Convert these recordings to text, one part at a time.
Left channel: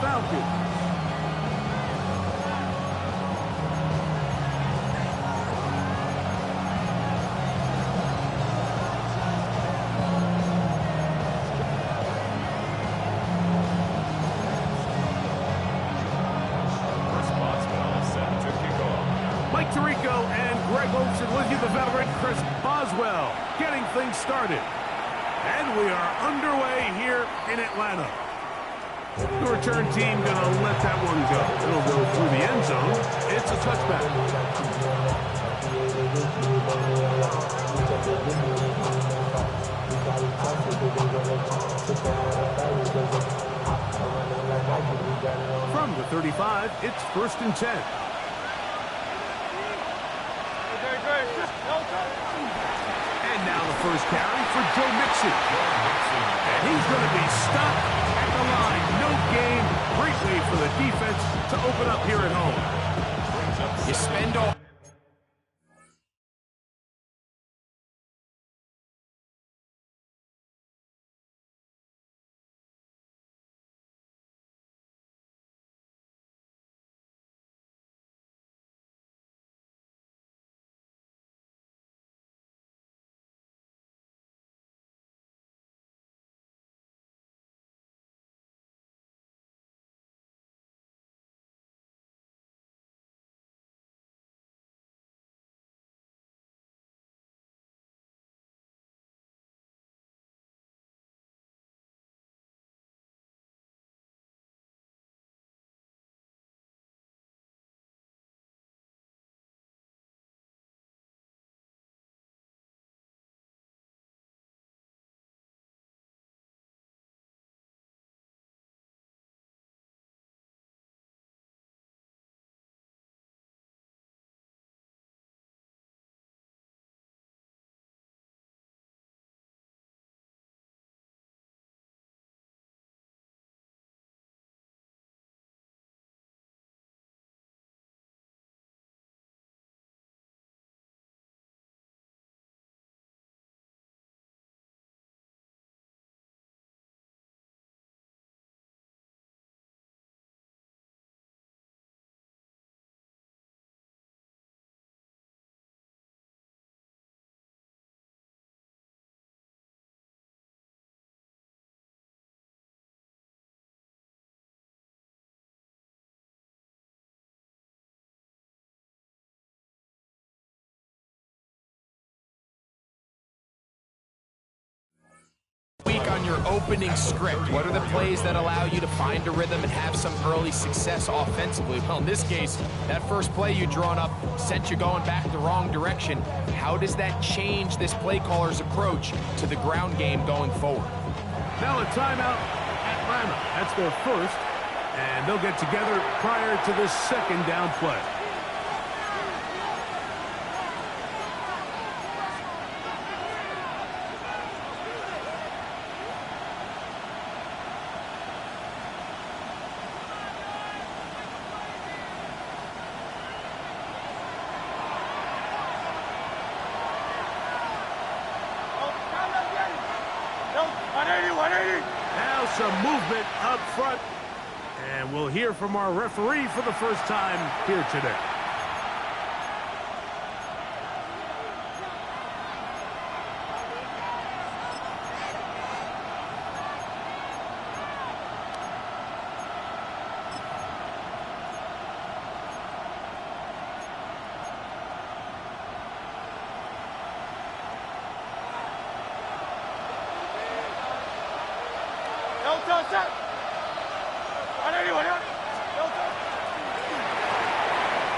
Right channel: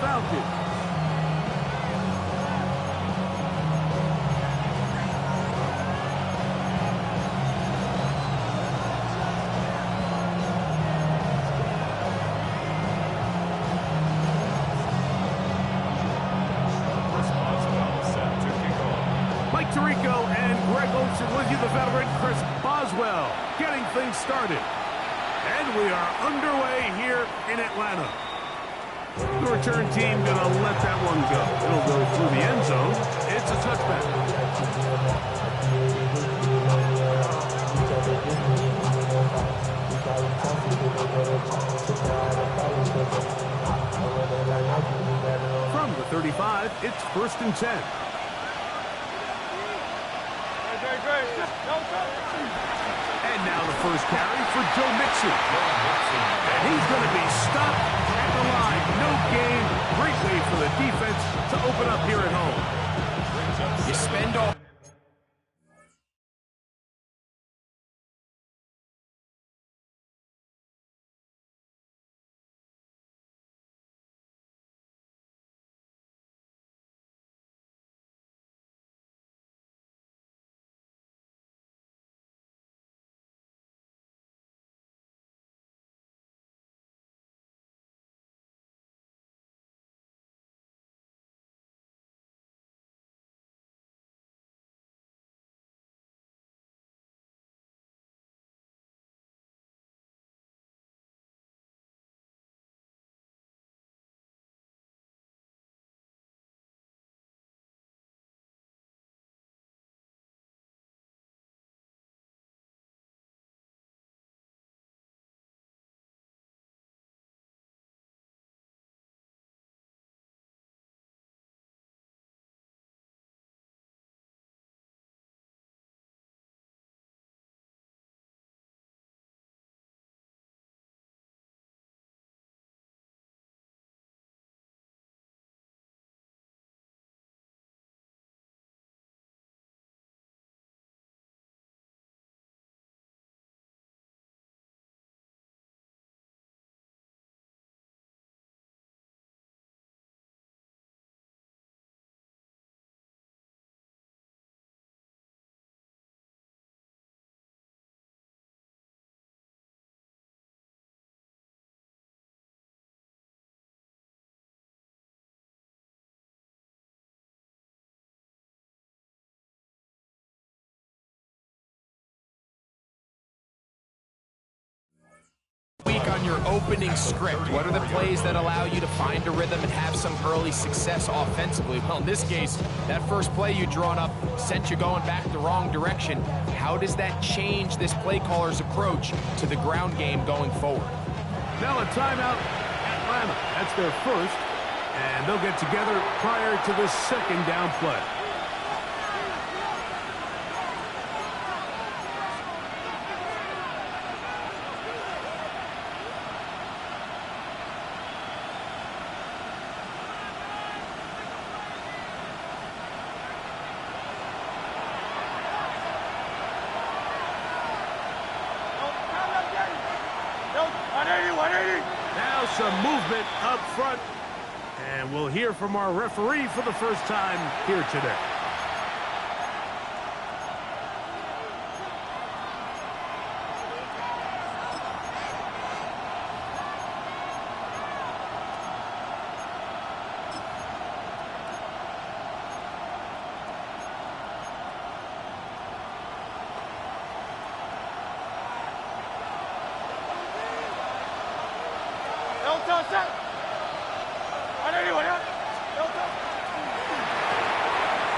Falcons. Mike Tirico and Greg Olsen with you, the veteran Chris Boswell, getting things started. And we are underway here in Atlanta. The return team going to let that one go. It'll go through the end zone. It's a touchback. From the 35, it's 1st and 10. And now the first carry for Joe Mixon. And he's going to be stopped at the line. No gain. Great way for the defense to open up here at home. You spend all... Week on your opening script. What are the plays that allow you to find a rhythm and have some early success offensively? Well, in this case, that first play you drawn up sent you going back the wrong direction. How does that change this play caller's approach to the ground game going forward? Now a timeout, Atlanta. That's their first, and they'll get together prior to the second down play. Now some movement up front, and we'll hear from our referee for the first time here today.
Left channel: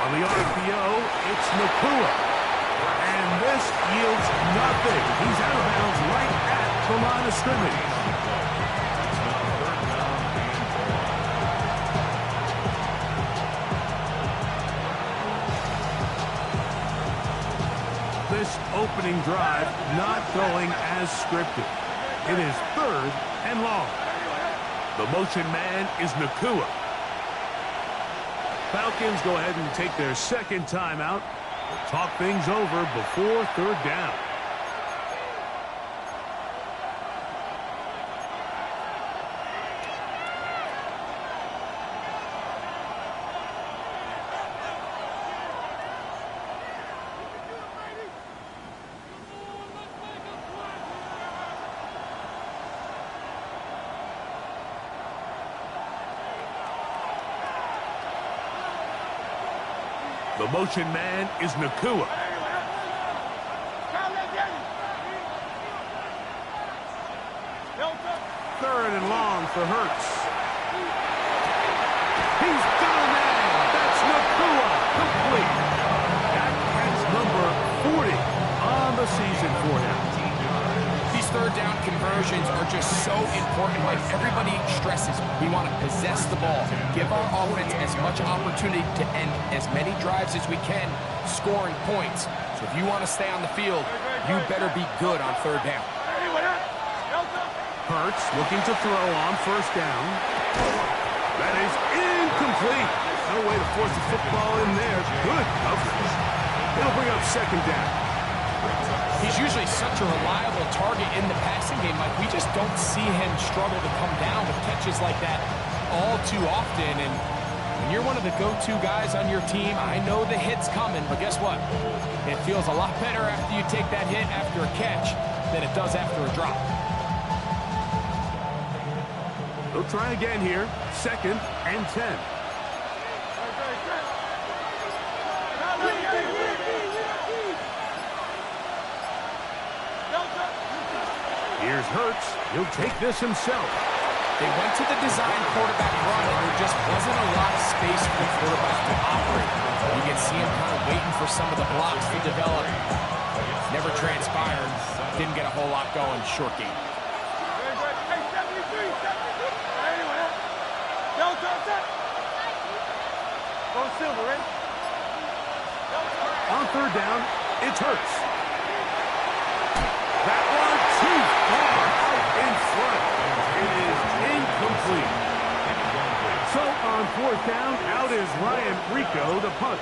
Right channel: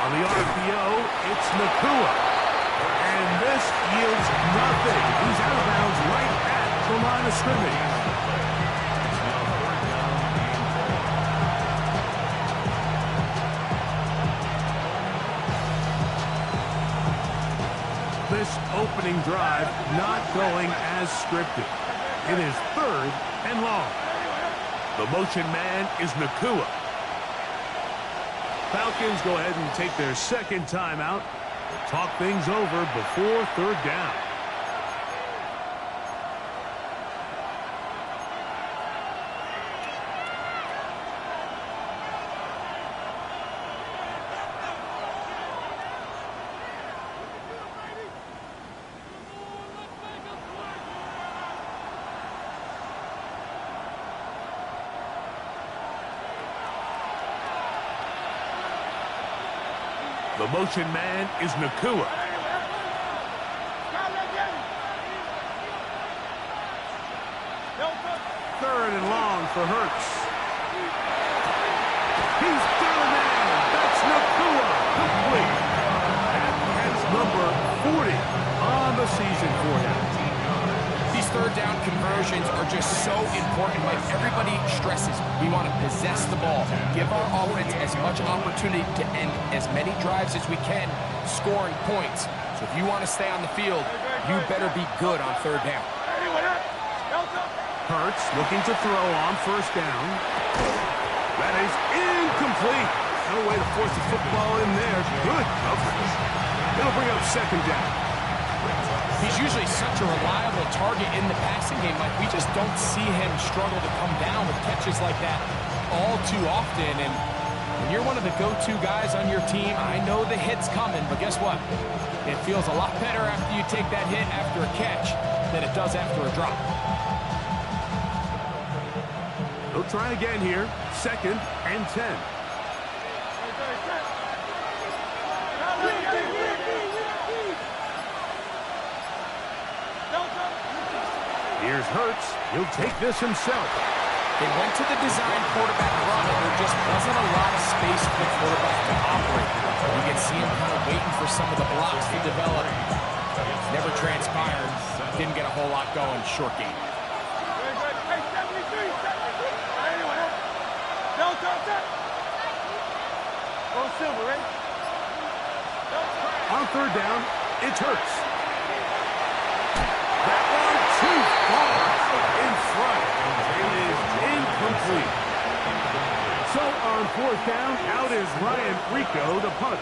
On the RPO, it's Nakua. And this yields nothing. He's out of bounds right at the line of scrimmage. This opening drive not going as scripted. It is 3rd and long. The motion man is Nakua. Falcons go ahead and take their second timeout. Talk things over before 3rd down. The motion man is Nakua. Third and long for Hurts. He's got a man. That's Nakua. Complete. That catch number 40 on the season for him. These third down conversions are just so important. Like everybody stresses, we want to possess the ball, give our offense as much opportunity to end as many drives as we can, scoring points. So if you want to stay on the field, you better be good on third down. Hurts looking to throw on first down. That is incomplete. No way to force the football in there. Good coverage. It'll bring up second down. He's usually such a reliable target in the passing game. Like, we just don't see him struggle to come down with catches like that all too often. And when you're one of the go-to guys on your team, I know the hit's coming, but guess what? It feels a lot better after you take that hit after a catch than it does after a drop. They'll try again here. Second and 10. Here's Hurts. He'll take this himself. They went to the design quarterback run, and there just wasn't a lot of space for the quarterback to operate. You can see him kind of waiting for some of the blocks to develop. Never transpired. Didn't get a whole lot going. Short game. On third down, it's Hurts. That one too far out in front. It is incomplete. So on fourth down, out is Ryan Rico to punt.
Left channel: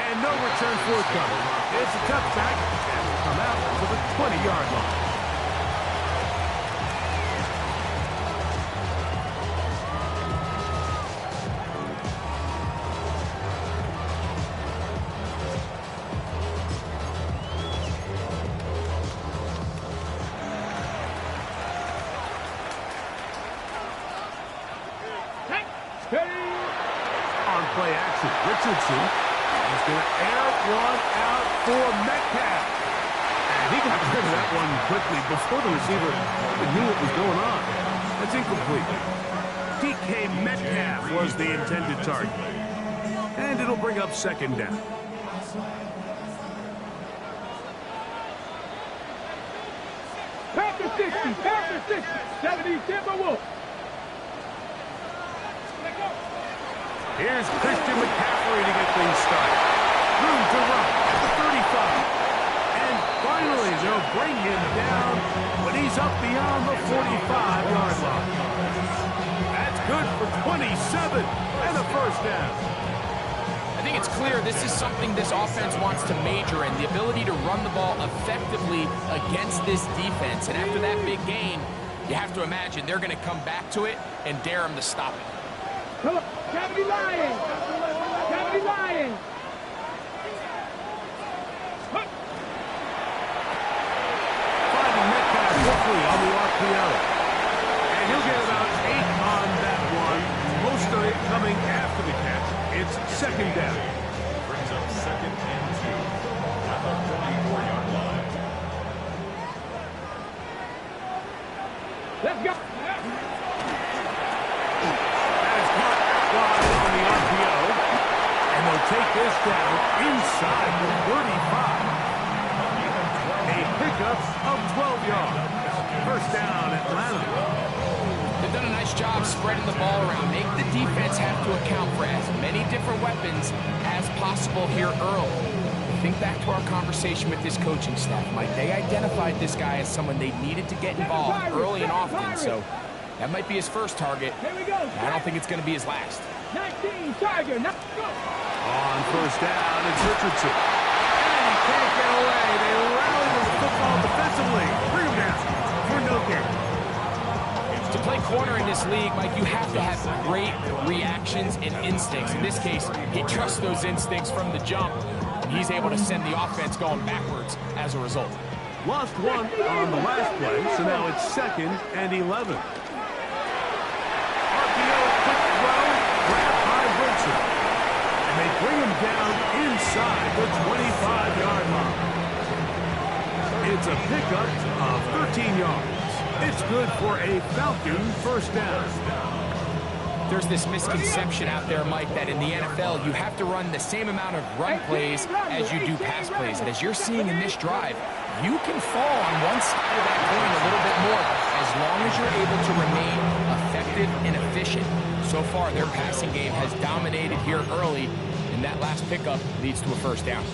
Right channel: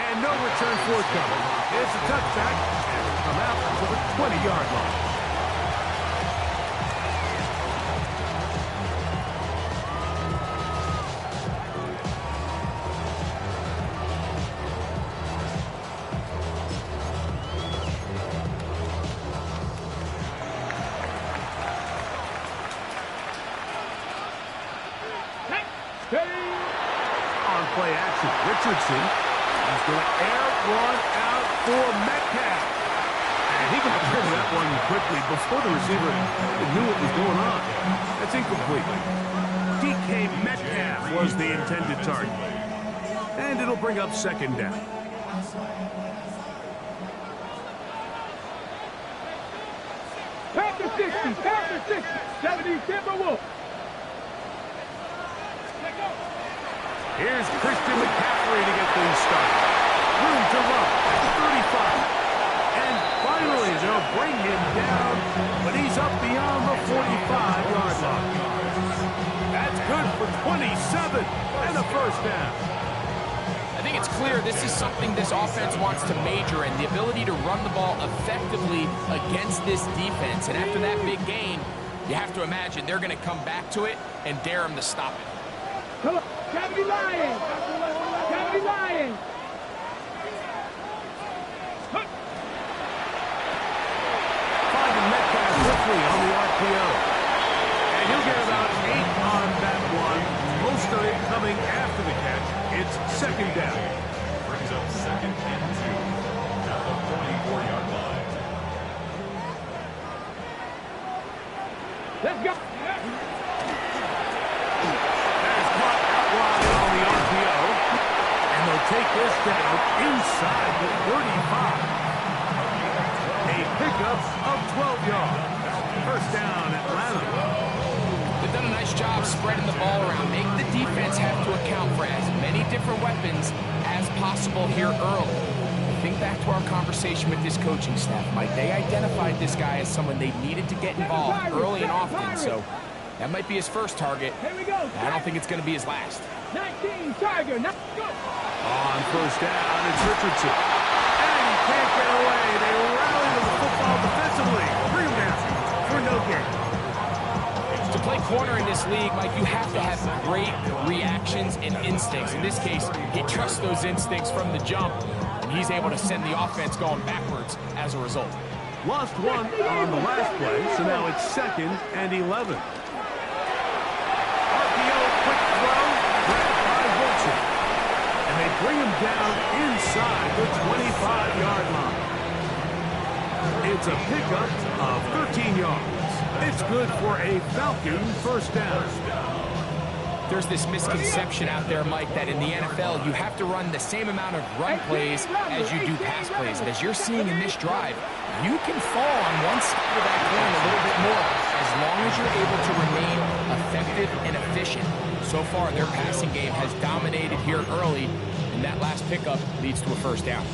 And no return forthcoming. It's a touchback, and will come out to the 20-yard line. On play action, Richardson is going to air one out for Metcalf. And he got rid of that one quickly before the receiver knew what was going on. That's incomplete. DK Metcalf was the intended target. And it'll bring up second down. Packer 60, Packer 60, 70 Timberwolves. Here's Christian McCaffrey to get things started. Room to run at the 35. And finally, they'll bring him down when he's up beyond the 45-yard line. That's good for 27 and a first down. I think it's clear this is something this offense wants to major in, the ability to run the ball effectively against this defense. And after that big gain, you have to imagine they're going to come back to it and dare him to stop it. Come on, Cavity Lions! Cavity Lions! Finding Metcalf quickly on the RPO. And he'll get about 8 on that one. Most of it coming after the catch. It's second down. Brings up second and 2 at the 44-yard line. Let's go! That is caught out wide on the RPO. And they'll take this down inside the 35. A pickup of 12 yards. First down, Atlanta. They've done a nice job spreading the ball around. Make the defense have to account for as many different weapons as possible here early. Think back to our conversation with this coaching staff, Mike. They identified this guy as someone they needed to get involved early and often, so that might be his first target. Here we go. I don't think it's going to be his last. 19, Tiger, now go! On first down, it's Richardson. And he can't get away. They rally to the football defensively. Bring him down for no gain. To play corner in this league, Mike, you have to have great reactions and instincts. In this case, he trusts those instincts from the jump, and he's able to send the offense going backwards as a result. Lost one on the last play, so now it's second and 11. RPO, quick throw, grabbed by Wilson. And they bring him down inside the 25-yard line. It's a pickup of 13 yards. It's good for a Falcon first down. There's this misconception out there, Mike, that in the NFL you have to run the same amount of run plays as you do pass plays. And as you're seeing in this drive, you can fall on one side of that coin a little bit more as long as you're able to remain effective and efficient. So far, their passing game has dominated here early, and that last pickup leads to a first down.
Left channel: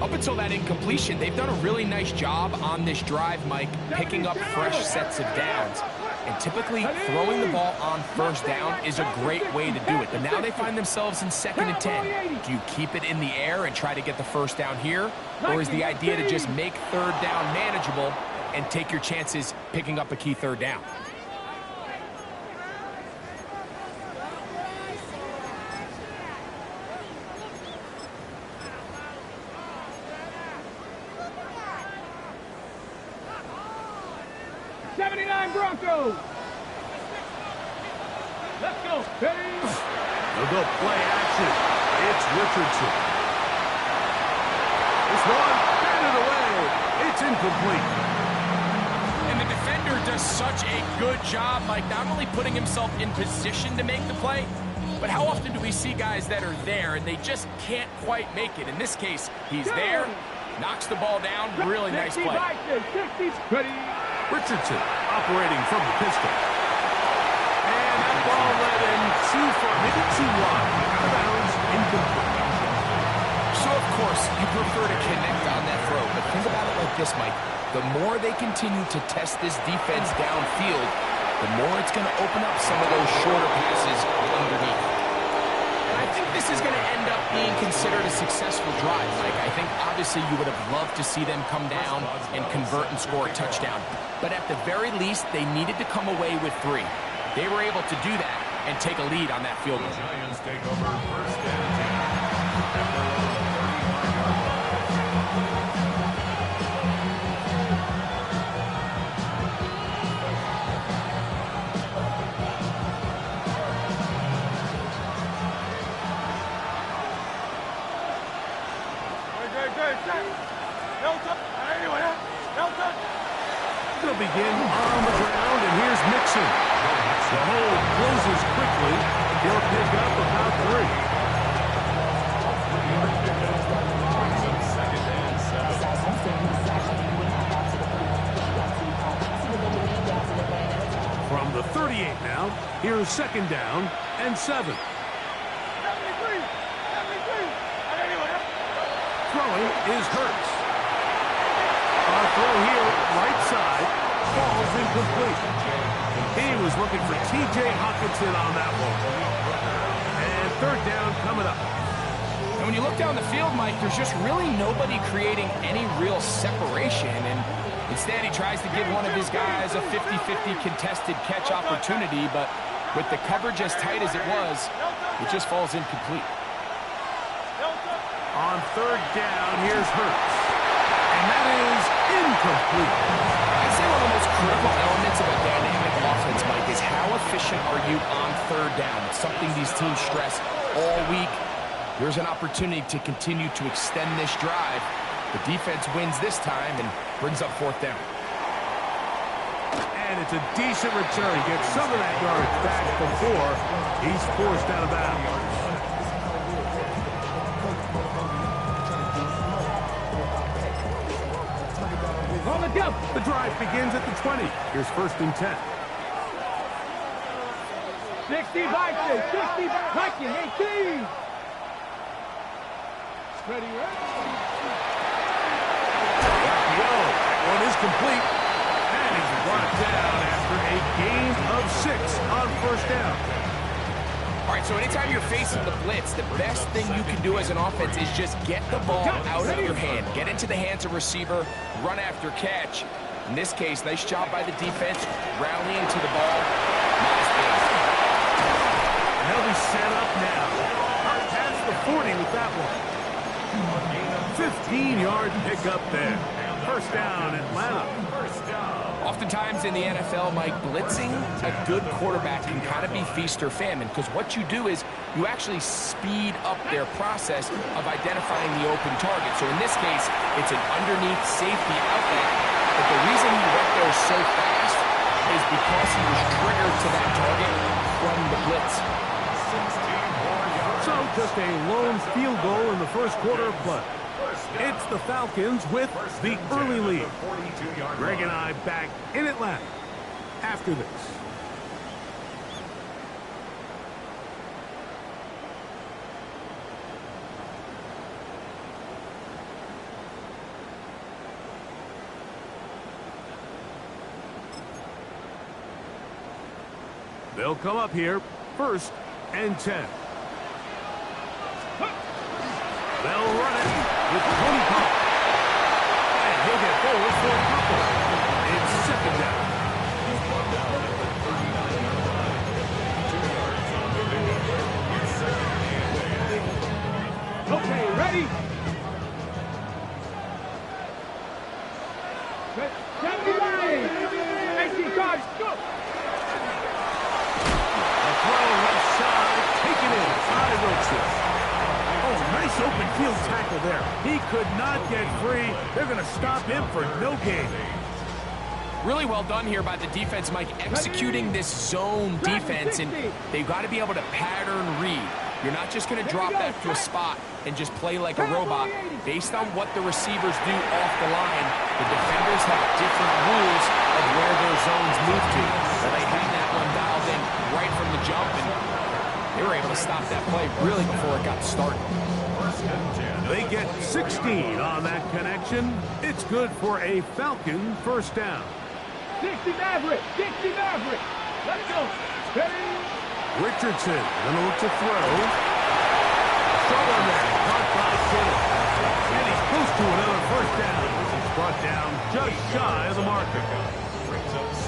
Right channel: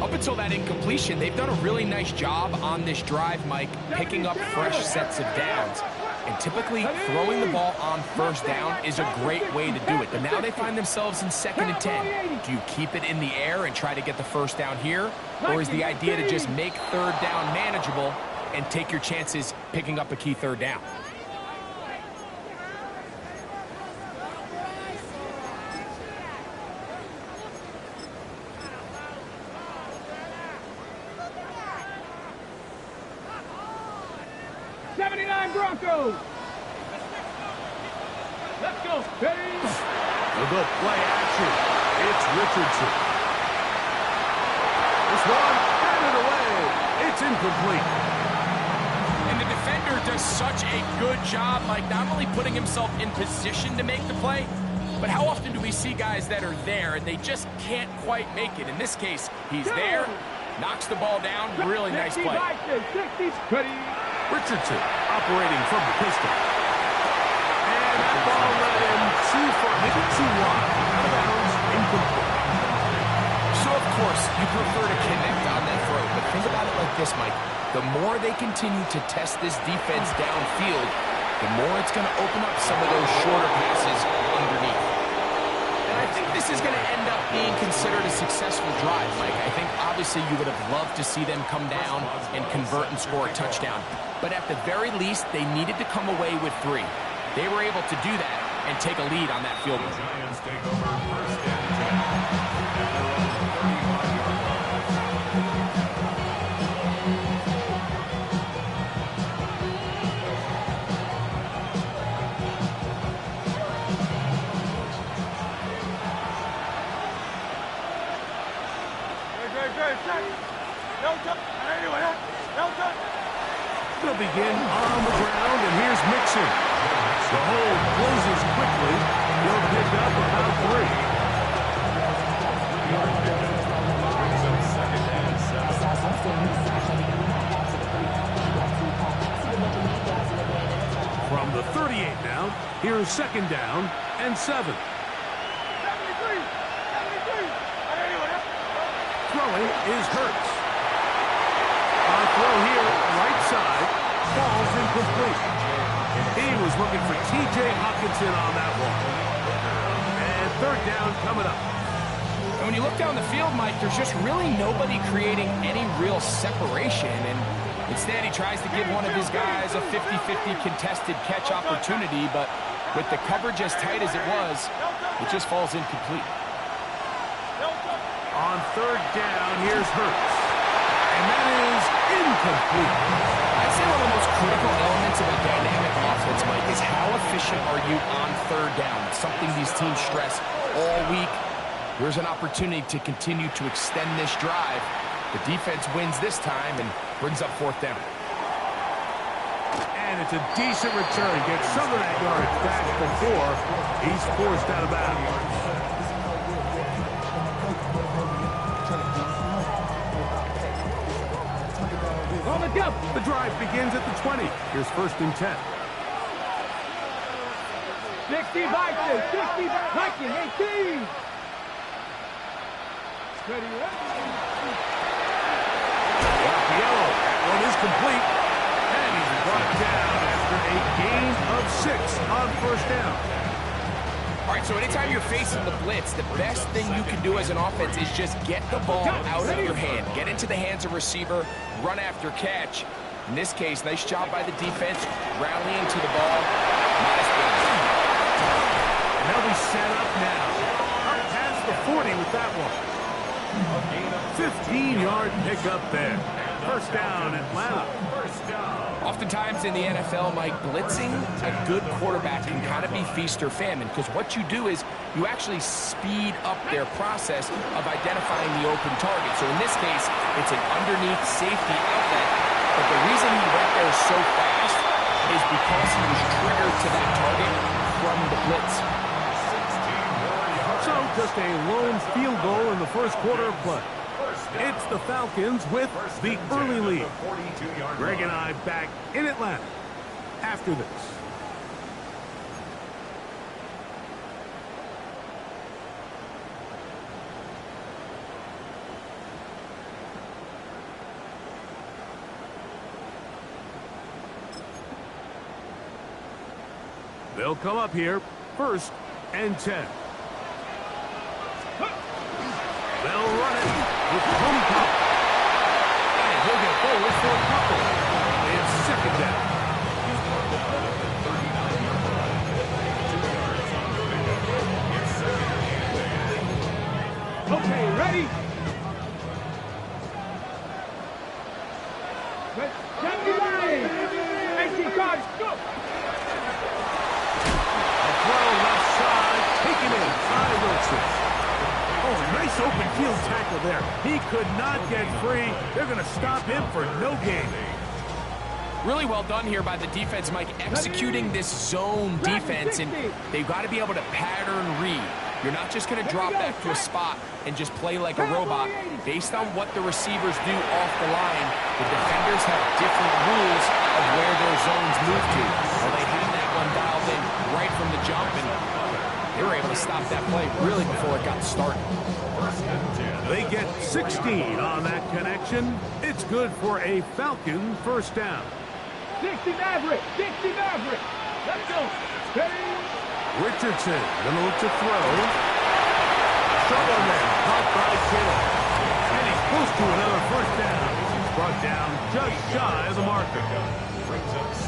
Up until that incompletion, they've done a really nice job on this drive, Mike, picking up fresh sets of downs. And typically, throwing the ball on first down is a great way to do it. But now they find themselves in 2nd and 10. Do you keep it in the air and try to get the first down here? Or is the idea to just make third down manageable and take your chances picking up a key third down? Broncos. Let's go. Ready? They'll go play action. It's Richardson. This one, batted away. It's incomplete. And the defender does such a good job, Mike, not only putting himself in position to make the play, but how often do we see guys that are there and they just can't quite make it? In this case, he's there, knocks the ball down. Really nice play. Ready? Richardson operating from the pistol. And that ball led him too far, maybe too wide. Out of bounds, incomplete. So, of course, you prefer to connect on that throw, but think about it like this, Mike. The more they continue to test this defense downfield, the more it's going to open up some of those shorter passes underneath. And I think this is going to end up being considered a successful drive, Mike. I think, obviously, you would have loved to see them come down and convert and score a touchdown. But at the very least, they needed to come away with 3. They were able to do that and take a lead on that field goal. The Giants take over first and 10 at their own 35-yard line. They'll begin on the ground, and here's Mixon. The hold closes quickly. He'll pick up about 3. From the 38 now, here's 2nd down and 7. Throwing is Hurts. A throw here, right side, falls incomplete. He was looking for T.J. Hockenson on that one. And 3rd down coming up. And when you look down the field, Mike, there's just really nobody creating any real separation. And instead, he tries to give one of his guys a 50-50 contested catch opportunity. But with the coverage as tight as it was, it just falls incomplete. On 3rd down, here's Hurts. And that is incomplete. I'd say one of the most critical elements of a dynamic offense, Mike, is how efficient are you on 3rd down? It's something these teams stress all week. Here's an opportunity to continue to extend this drive. The defense wins this time and brings up 4th down. And it's a decent return. Gets some of that yardage back before he's forced out of bounds. The drive begins at the 20. Here's 1st and 10. 60 Vikings, 60 Vikings, 18. Ready, RPO, that one is complete. And he's brought down after a gain of 6 on 1st down. All right, so anytime you're facing the blitz, the best thing you can do as an offense is just get the ball out of your hand. Get into the hands of receiver, run after catch. In this case, nice job by the defense, rallying to the ball. Modest gain. And they'll be set up now. Up past the 40 with that one. 15-yard pickup there. First down, Atlanta. First down. Oftentimes in the NFL, Mike, blitzing a good quarterback can kind of be feast or famine, because what you do is you actually speed up their process of identifying the open target. So in this case, it's an underneath safety outlet, but the reason he went there so fast is because he was triggered to that target from the blitz. 16 more yards. So just a lone field goal in the first quarter of play. It's the Falcons with the early lead. Greg and I back in Atlanta after this. They'll come up here, 1st and 10. They'll run it with Tony Pollard. And he'll get forward for a couple. It's 2nd down. He's brought down at the 39-yard line. 2 yards on the pickup. It's 2nd and 8. Okay, ready? Kennedy lying. 18 cards. Go. A throw left side, taken in by Wilson. Oh, nice open field tackle there. He could not get free. They're going to stop him for no gain. Really well done here by the defense, Mike, executing this zone defense, and they've got to be able to pattern read. You're not just going to drop back to a spot and just play like a robot. Based on what the receivers do off the line, the defenders have different rules of where their zones move to. Well, they had that one dialed in right from the jump, and they were able to stop that play really before it got started. They get 16 on that connection. It's good for a Falcon first down. 60 Maverick. 60 Maverick. Let's go. Ready? Richardson gonna look to throw. Short one there, caught by Kittle. And he's close to another first down. He's brought down just shy of the marker.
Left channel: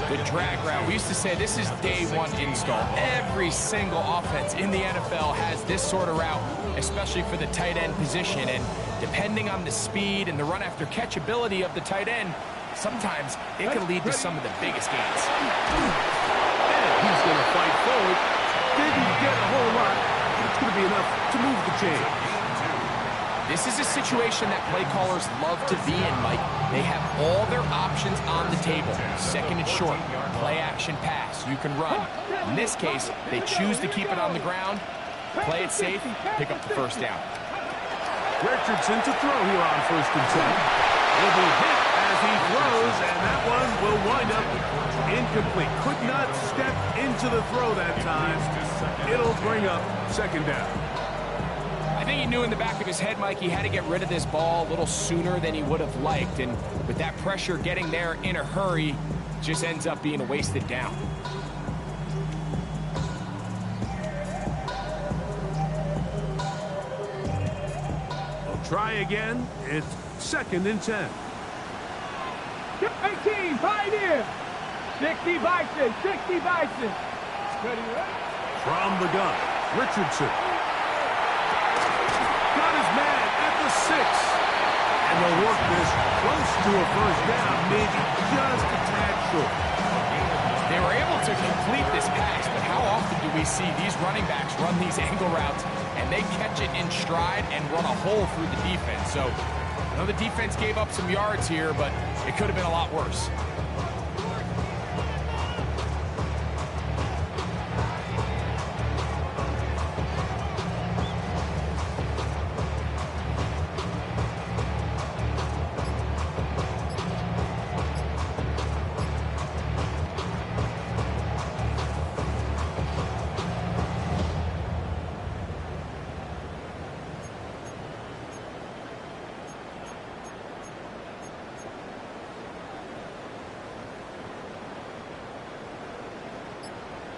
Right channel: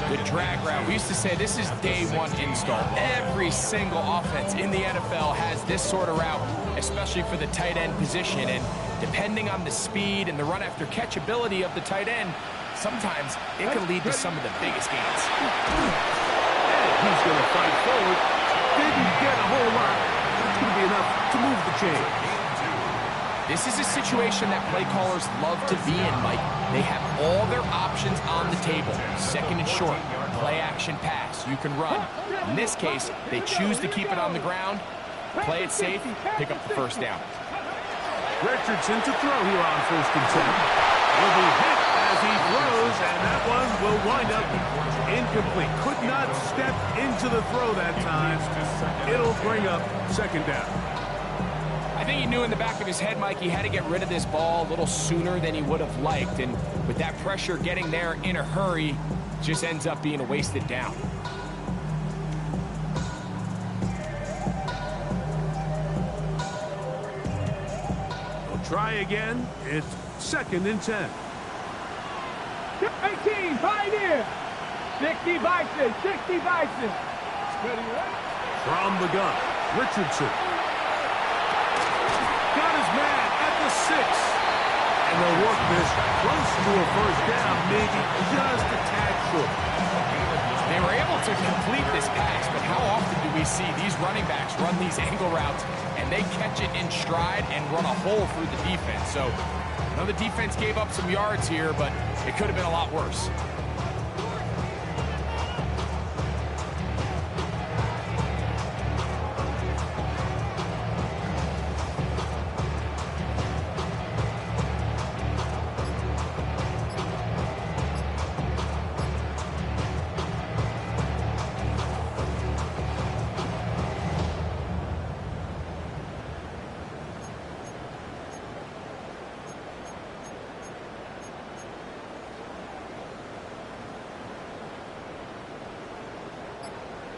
The drag route. We used to say this is day one install. Every single offense in the NFL has this sort of route, especially for the tight end position. And depending on the speed and the run after catch ability of the tight end, sometimes it can lead to some of the biggest gains. And he's going to fight forward. Didn't get a whole lot. It's going to be enough to move the chain. This is a situation that play callers love to be in, Mike. They have all their options on the table. 2nd and short, play action pass. You can run. In this case, they choose to keep it on the ground, play it safe, pick up the first down. Richardson to throw here on 1st and 10. Will be hit as he throws, and that one will wind up incomplete. Could not step into the throw that time. It'll bring up 2nd down. I think he knew in the back of his head, Mike, he had to get rid of this ball a little sooner than he would have liked. And with that pressure getting there in a hurry, just ends up being a wasted down. They'll try again. It's 2nd and 10. 18 Pioneer. 60 Bison. 60 Bison. Ready, ready? From the gun, Richardson. Got his man at the 6. And they'll work this close to a first down, maybe just a tad short. They were able to complete this pass, but how often do we see these running backs run these angle routes and they catch it in stride and run a hole through the defense? So I know the defense gave up some yards here, but it could have been a lot worse.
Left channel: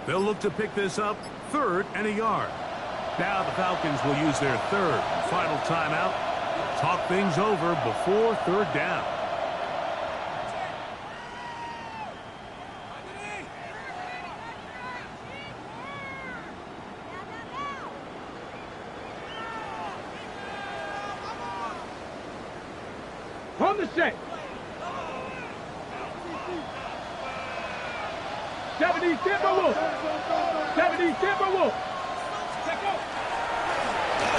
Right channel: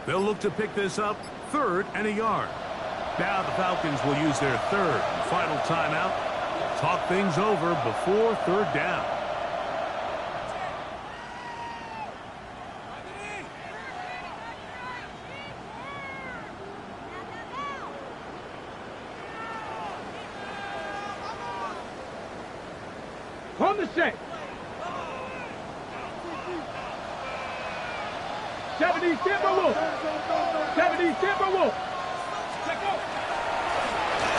They'll look to pick this up 3rd and a yard. Now the Falcons will use their 3rd and final timeout. Talk things over before 3rd down. On the set. 70 Timberwolves. 70 Timberwolves. Check out.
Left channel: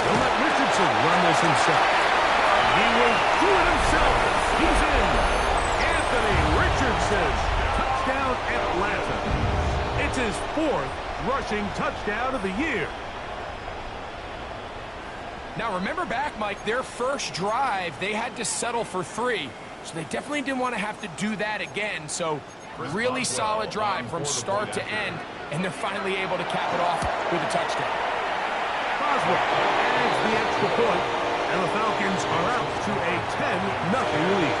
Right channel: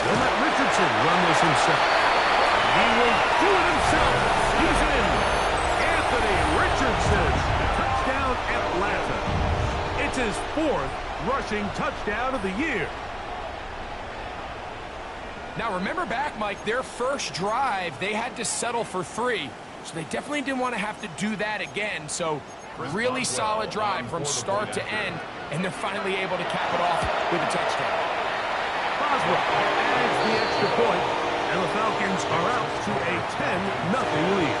He'll let Richardson run this himself. He will do it himself. He's in. Anthony Richardson. Touchdown, Atlanta. It's his 4th rushing touchdown of the year. Now, remember back, Mike, their first drive, they had to settle for 3. So they definitely didn't want to have to do that again. So really solid drive from start to end, and they're finally able to cap it off with a touchdown. Boswell adds the extra point, and the Falcons are out to a 10-0 lead.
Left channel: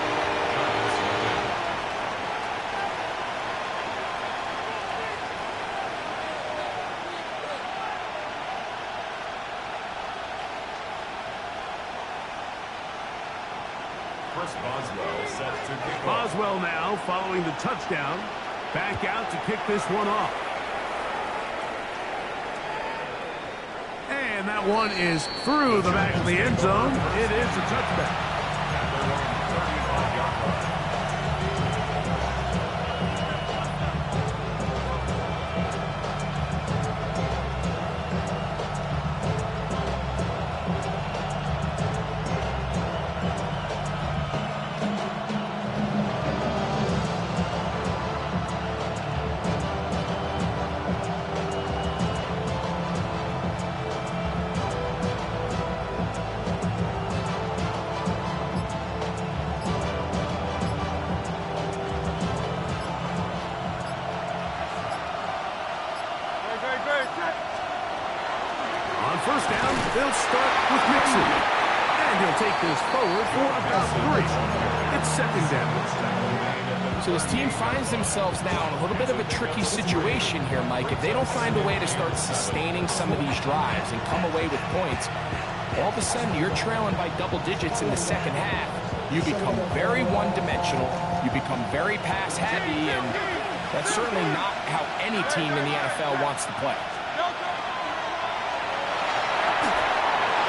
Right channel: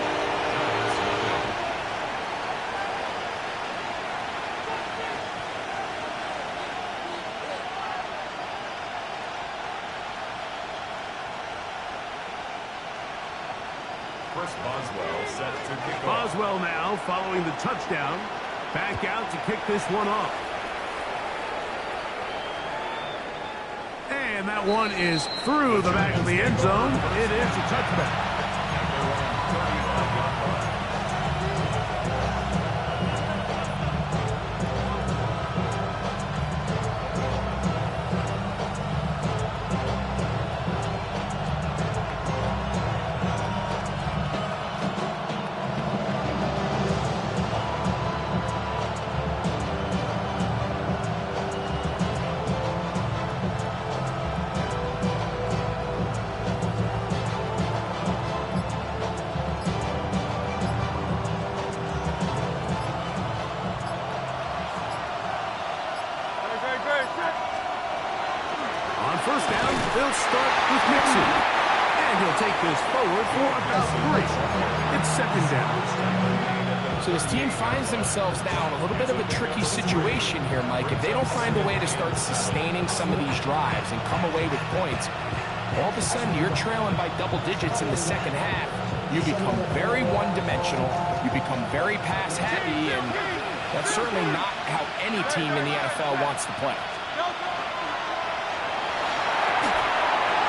Boswell set to kick off. Boswell now following the touchdown. Back out to kick this one off. And that one is through the back of the end zone. It is a touchback. At their own 35-yard line. On first down, they'll start with Pcen. And he'll take this forward for about 3. It's second down. So this team finds themselves now in a little bit of a tricky situation here, Mike. If they don't find a way to start sustaining some of these drives and come away with points, all of a sudden you're trailing by double digits in the second half. You become very one-dimensional. You become very pass-heavy, and that's certainly not how any team in the NFL wants to play.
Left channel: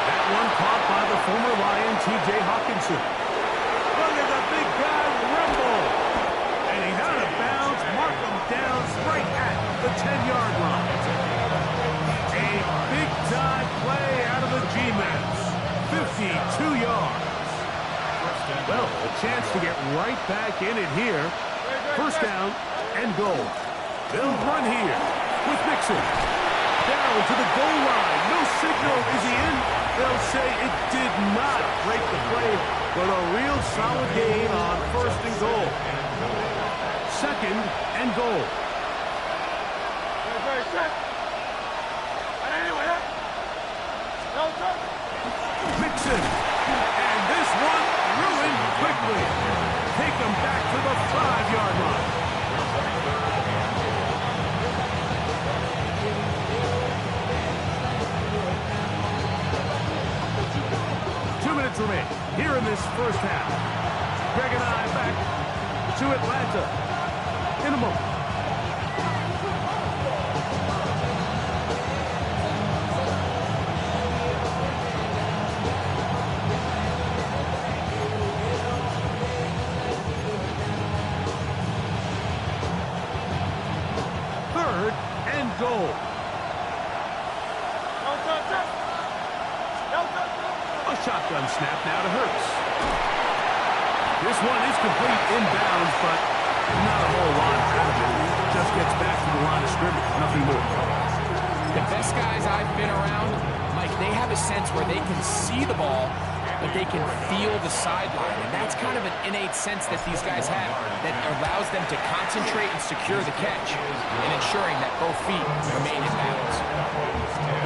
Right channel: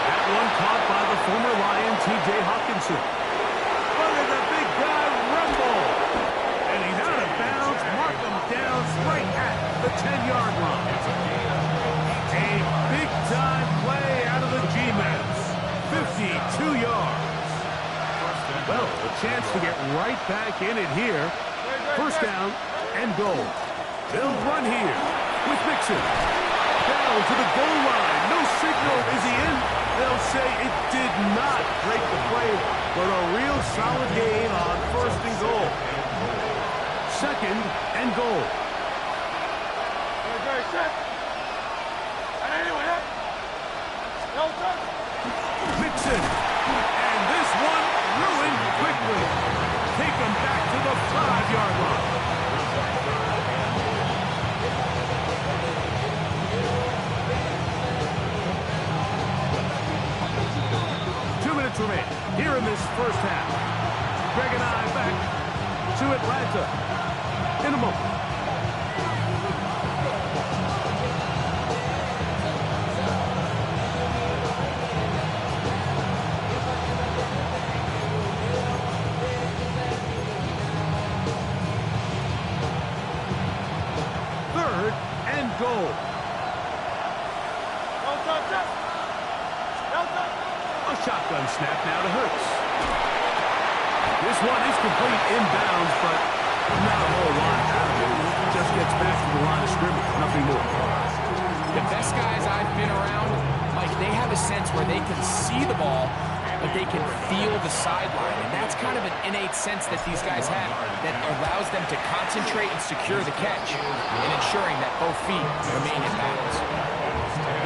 That one caught by the former Lion, T.J. Hawkinson. Look at the big guy rumble. And he's out of bounds. Mark him down right at the 10-yard line. A big-time play out of the G-Mens. 52 yards. Well, a chance to get right back in it here. First down and goal. They'll run here with Pcen. Down to the goal line. No signal. Is he in? They'll say it did not break the play, but a real solid gain on first and goal. Second and goal. Pcen. And this one ruined quickly. Take them back to the 5-yard line. 2 minutes remain here in this first half. Greg and I back to Atlanta in a moment. Third and goal. A shotgun snap now to Hurts. This one is complete inbounds, but not a whole lot out of it. Just gets back to the line of scrimmage, nothing more. The best guys I've been around, Mike, they have a sense where they can see the ball, but they can feel the sideline. And that's kind of an innate sense that these guys have that allows them to concentrate and secure the catch and ensuring that both feet remain in balance.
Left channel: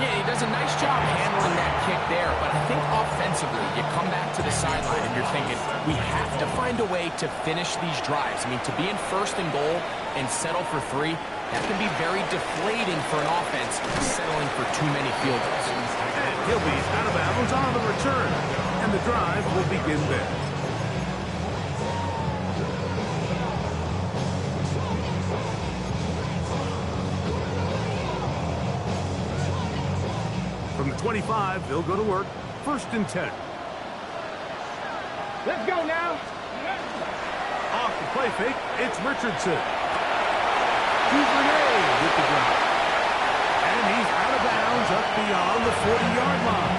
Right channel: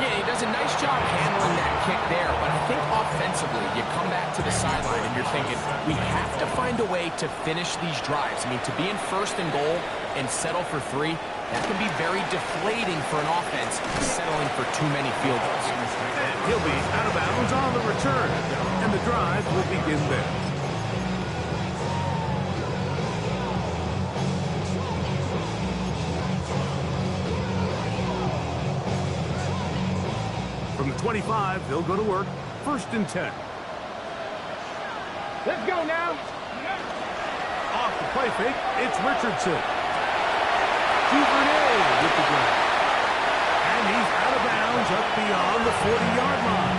Yeah, he does a nice job handling that kick there, but I think offensively, you come back to the sideline and you're thinking, we have to find a way to finish these drives. I mean, to be in first and goal and settle for 3, that can be very deflating for an offense settling for too many field goals. And he'll be out of bounds on the return, and the drive will begin there. From the 25, they'll go to work. First and 10. Let's go now. Off the play fake, it's Richardson. Duvernay with the grab. And he's out of bounds up beyond the 40-yard line.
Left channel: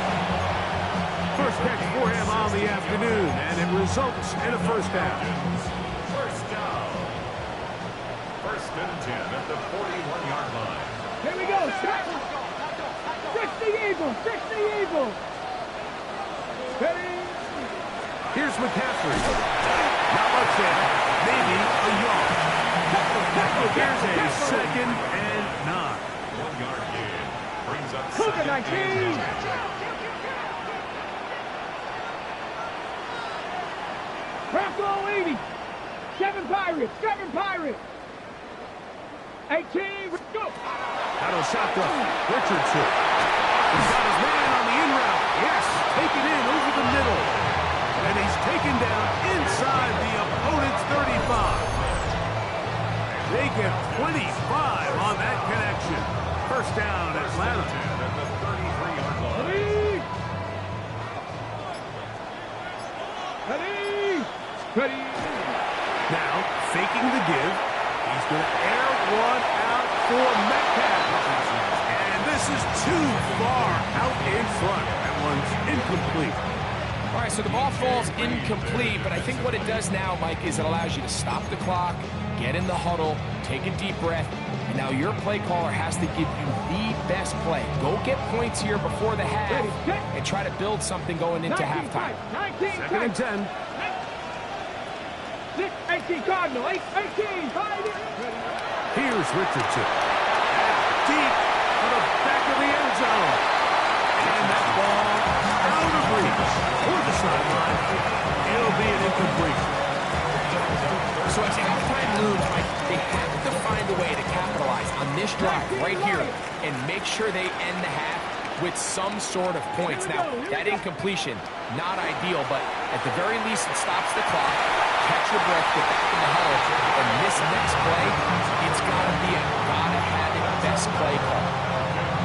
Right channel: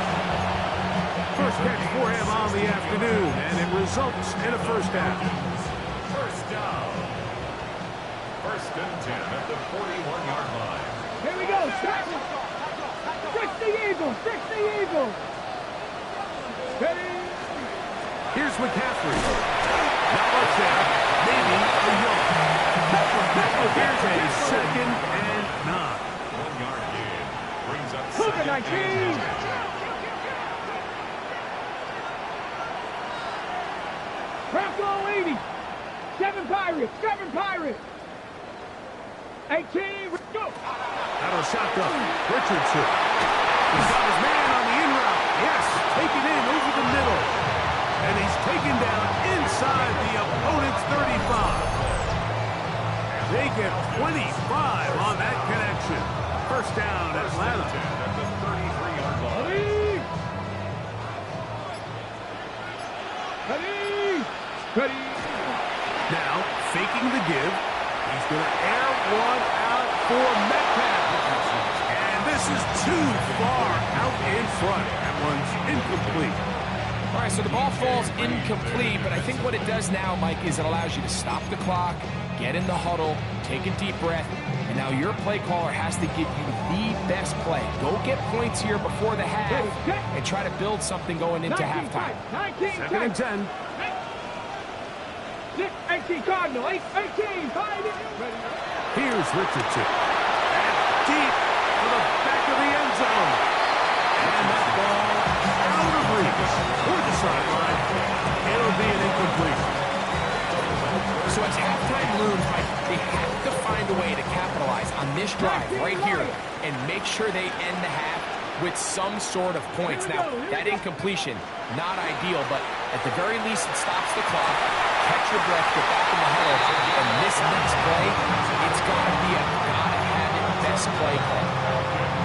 First catch for him on the afternoon, and it results in a first down. First down. First and 10 at the 41-yard line. Here we go. Fix the Eagles. Fix the Eagles. Ready? Here's McCaffrey. Not much there. Maybe a yard. Here's a second and 9. 1 yard gain. Brings up Cougar second 19. and 10. Bronco 80. 7 Pirates. 7 Pirates. 18. Go. Out of shotgun. Richardson. He's got his man on the in route. Yes, taken in over the middle. And he's taken down inside the opponent's 35. They get 25 on that connection. First down, Atlanta. At the 33-yard line. Ready? Ready? Ready? Now, faking the give. He's going to air one out for Metcalf. And this is too far out in front. That one's incomplete. All right, so the ball falls incomplete, but I think what it does now, Mike, is it allows you to stop the clock, get in the huddle, take a deep breath, and now your play caller has to give you the best play. Go get points here before the half and try to build something going into halftime. 19 Second and 10. 18 Cardinal. 18. Here's Richardson. And deep to the back of the end zone. And that ball out of reach toward the sideline. It'll be an incomplete. So as halftime looms, Mike, they have to find a way to capitalize on this drive right here and make sure they end the half with some sort of points. Now, that incompletion, not ideal, but at the very least, it stops the clock. Catch your breath, get back in the huddle, and this next play, it's got to be a gotta-have-it best play call.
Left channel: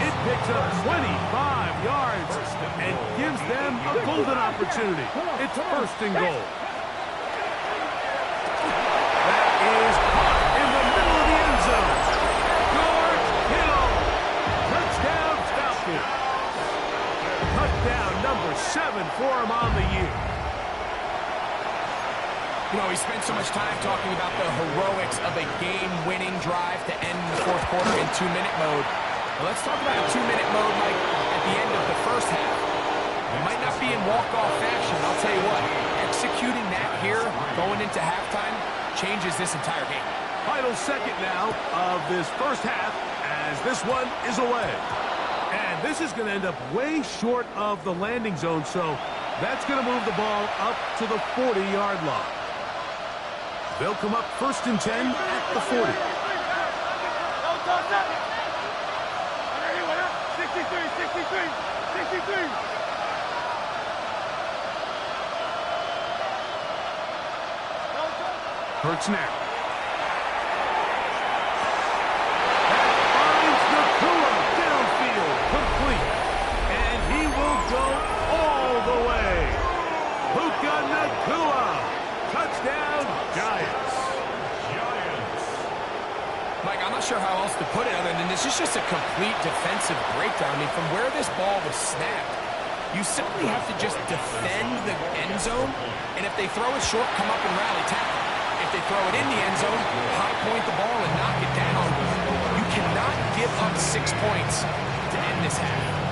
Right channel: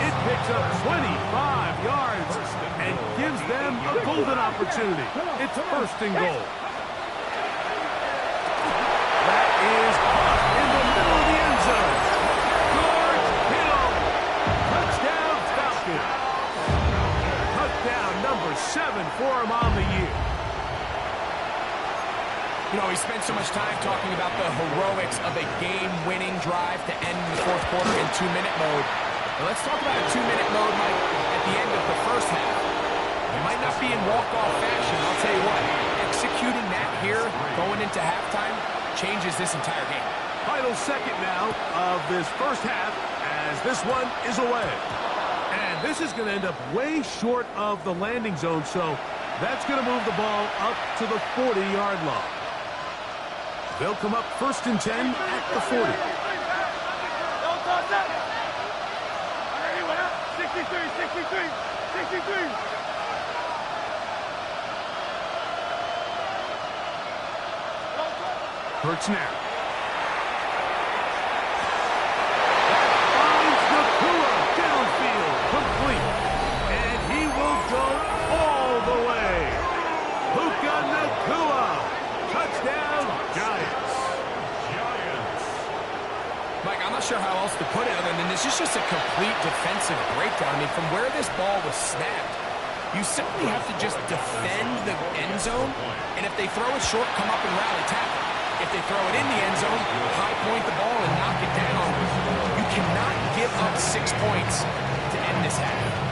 It picks up 25 yards and gives them a golden opportunity. It's first and goal. That is caught in the middle of the end zone. George Kittle. Touchdown Falcons. Touchdown number 7 for him on the year. You know, we spent so much time talking about the heroics of a game-winning drive to end the fourth quarter in 2-minute mode. Now let's talk about a 2-minute mode, Mike, at the end of the first half. It might not be in walk-off fashion, I'll tell you what. Executing that here, going into halftime, changes this entire game. Final second now of this first half as this one is away. And this is going to end up way short of the landing zone, so that's going to move the ball up to the 40-yard line. They'll come up first and 10 at the 40. 63. Hurts now. That finds Nakua downfield, complete. And he will go all the way. Puka Nakua. Touchdown, Giants. Mike, I'm not sure how else to put it other than this is just a complete defensive breakdown. I mean, from where this ball was snapped, you simply have to just defend the end zone, and if they throw it short, come up and rally tackle. If they throw it in the end zone, high point the ball and knock it down. You cannot give up 6 points to end this half.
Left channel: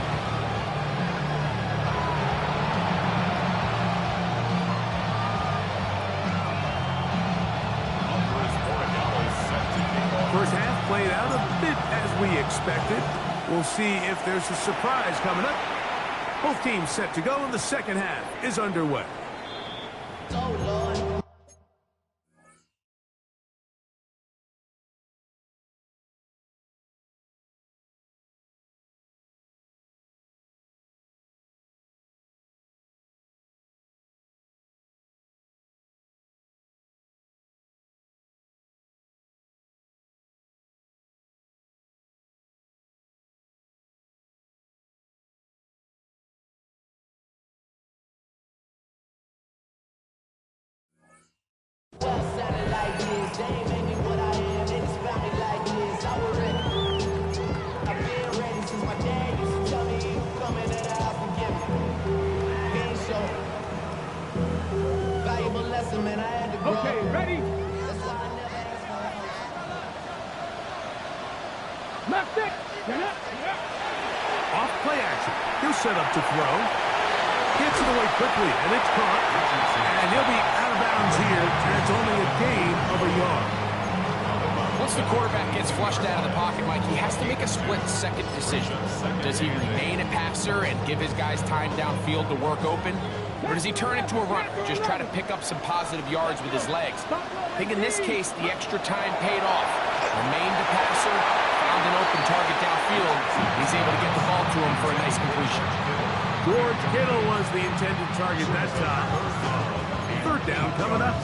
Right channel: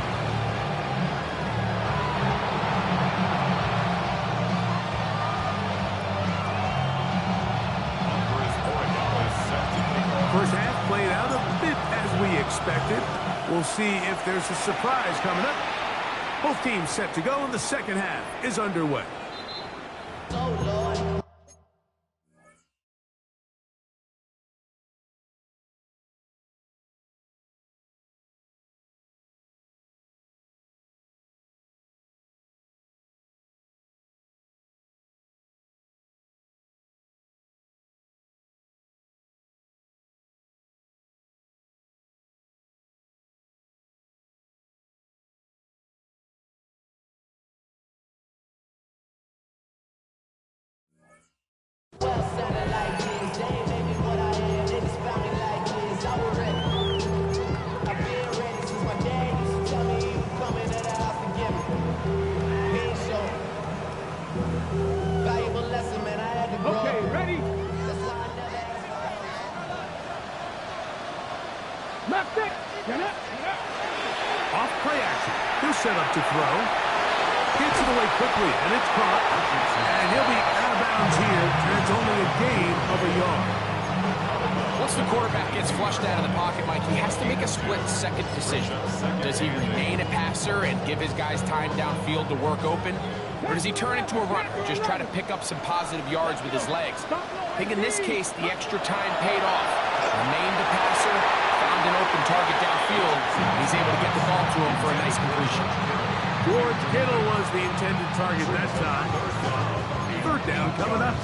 First half played out a bit as we expected. We'll see if there's a surprise coming up. Both teams set to go, and the second half is underway. Oh, Lord. Left it. Off play action. He'll set up to throw. Gets it away quickly, and it's caught. And he'll be out of bounds here, and it's only a gain of a yard. Once the quarterback gets flushed out of the pocket, Mike, he has to make a split-second decision. Does he remain a passer and give his guys time downfield to work open? Or does he turn into a runner, just try to pick up some positive yards with his legs? I think in this case, the extra time paid off. Remained a passer, found an open target downfield, and he's able to get the ball to him for a nice completion. George Kittle was the intended target that time. Third down coming up.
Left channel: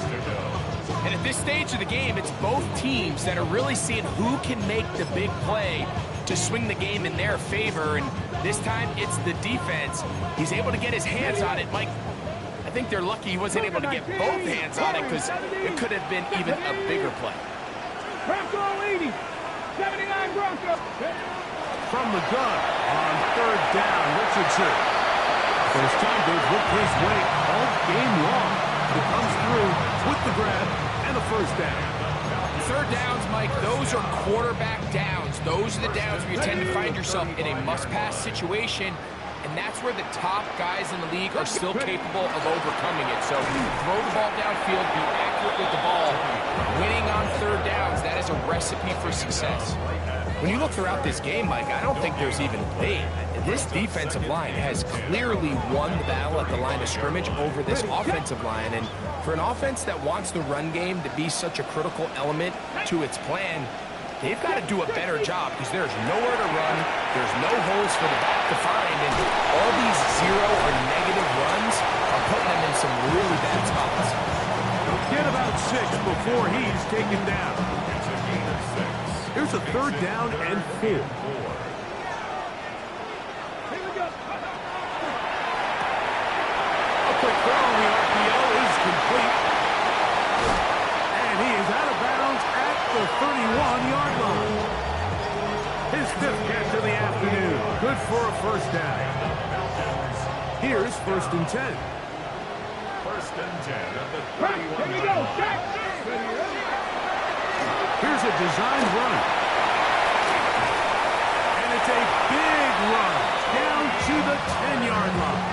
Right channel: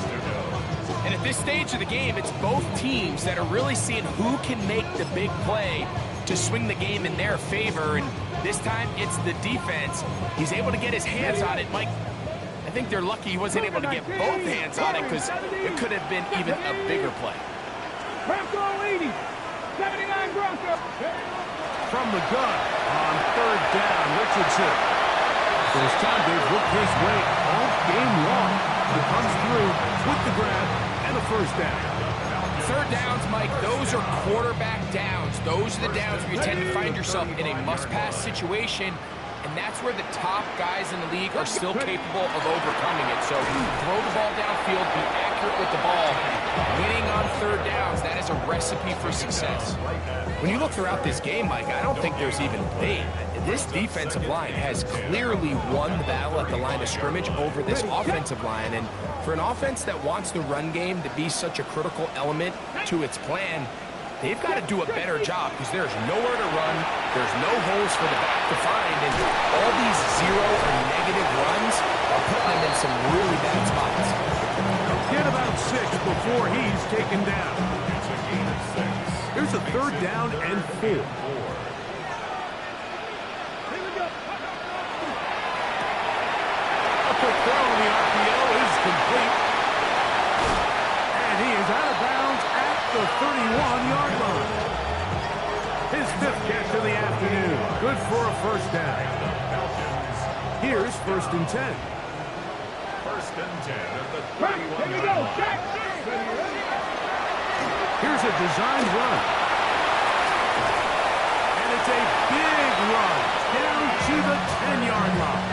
And at this stage of the game, it's both teams that are really seeing who can make the big play to swing the game in their favor. And this time, it's the defense. He's able to get his hands on it. Mike, I think they're lucky he wasn't able to get both hands on it because it could have been even a bigger play. Bronco 80. 79 Bronco. From the gun on third down, Richardson. First time they've looked his way all game long. He comes through with the grab and a first down. Third downs, Mike, those are quarterback downs. Those are the downs where you tend to find yourself in a must-pass situation, and that's where the top guys in the league are still capable of overcoming it. So throw the ball downfield, be accurate with the ball. Winning on third downs, that is a recipe for success. When you look throughout this game, Mike, I don't think there's even debate. This defensive line has clearly won the battle at the line of scrimmage over this offensive line. And for an offense that wants the run game to be such a critical element to its plan, they've got to do a better job because there's nowhere to run, there's no holes for the back to find, and all these zero or negative runs are putting them in some really bad spots. Get about 6 before he's taken down. It's a gain of 6. Here's a third down and 4. A quick throw on the RPO is complete. And he is out of bounds at the 31-yard line. His 5th catch of the afternoon. Good for a first down. Here's 1st and 10. 1st and 10 at the 31 Here we go. Check. Here's a designed run. And it's a big run down to the 10-yard line.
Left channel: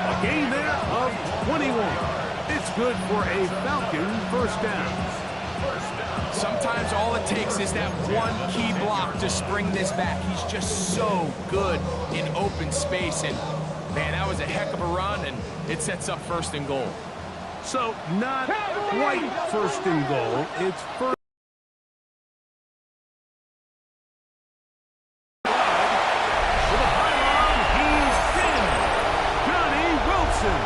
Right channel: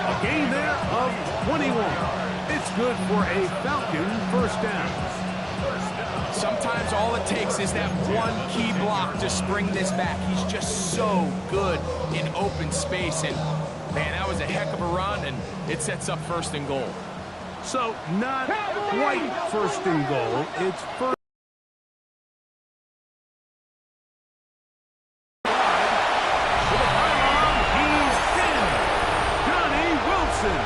A gain there of 21. It's good for a Falcon first down. Sometimes all it takes is that one key block to spring this back. He's just so good in open space. And, man, that was a heck of a run, and it sets up 1st and goal. So not quite 1st and goal. It's first. With a pylon, he's in. Johnny Wilson.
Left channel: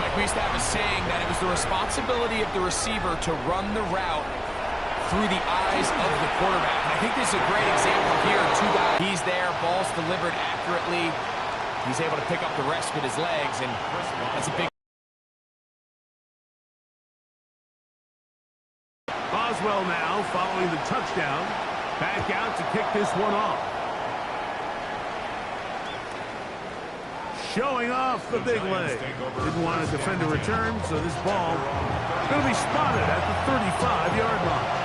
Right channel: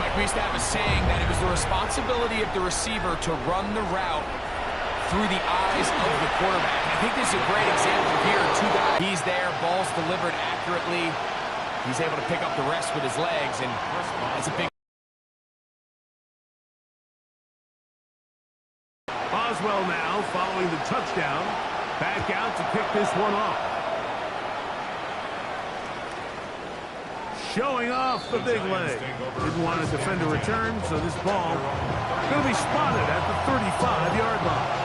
Mike, we used to have a saying that it was the responsibility of the receiver to run the route through the eyes of the quarterback. And I think this is a great example here. 2 guys. He's there, ball's delivered accurately. He's able to pick up the rest with his legs, and that's a big... Boswell now following the touchdown. Back out to kick this one off. Showing off the big leg. Didn't want to defend a return, so this ball going to be spotted at the 35-yard line.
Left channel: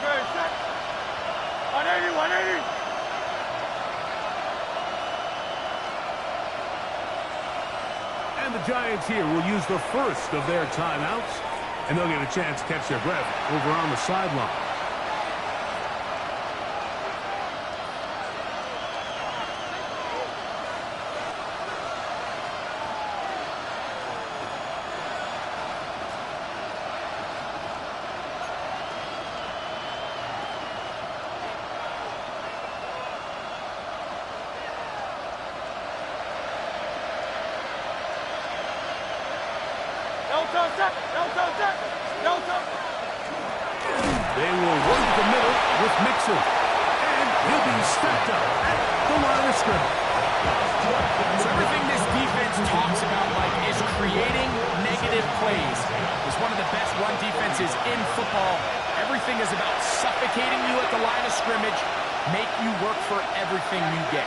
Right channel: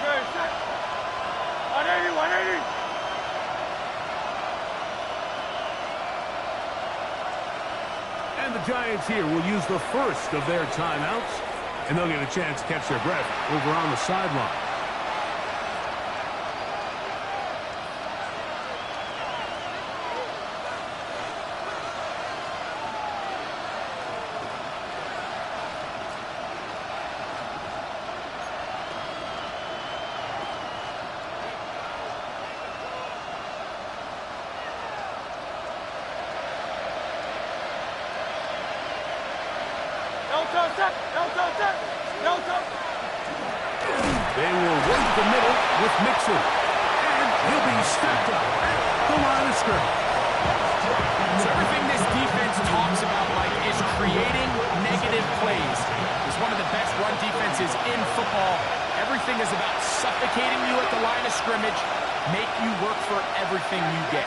Good. Set. 180. 180. And the Giants here will use the first of their timeouts, and they'll get a chance to catch their breath over on the sideline. They will work the middle with Mixon, and he'll be stepped up at the line of scrimmage. So everything this defense talks about, Mike, is creating negative plays. It's one of the best run defenses in football. Everything is about suffocating you at the line of scrimmage, make you work for everything you get.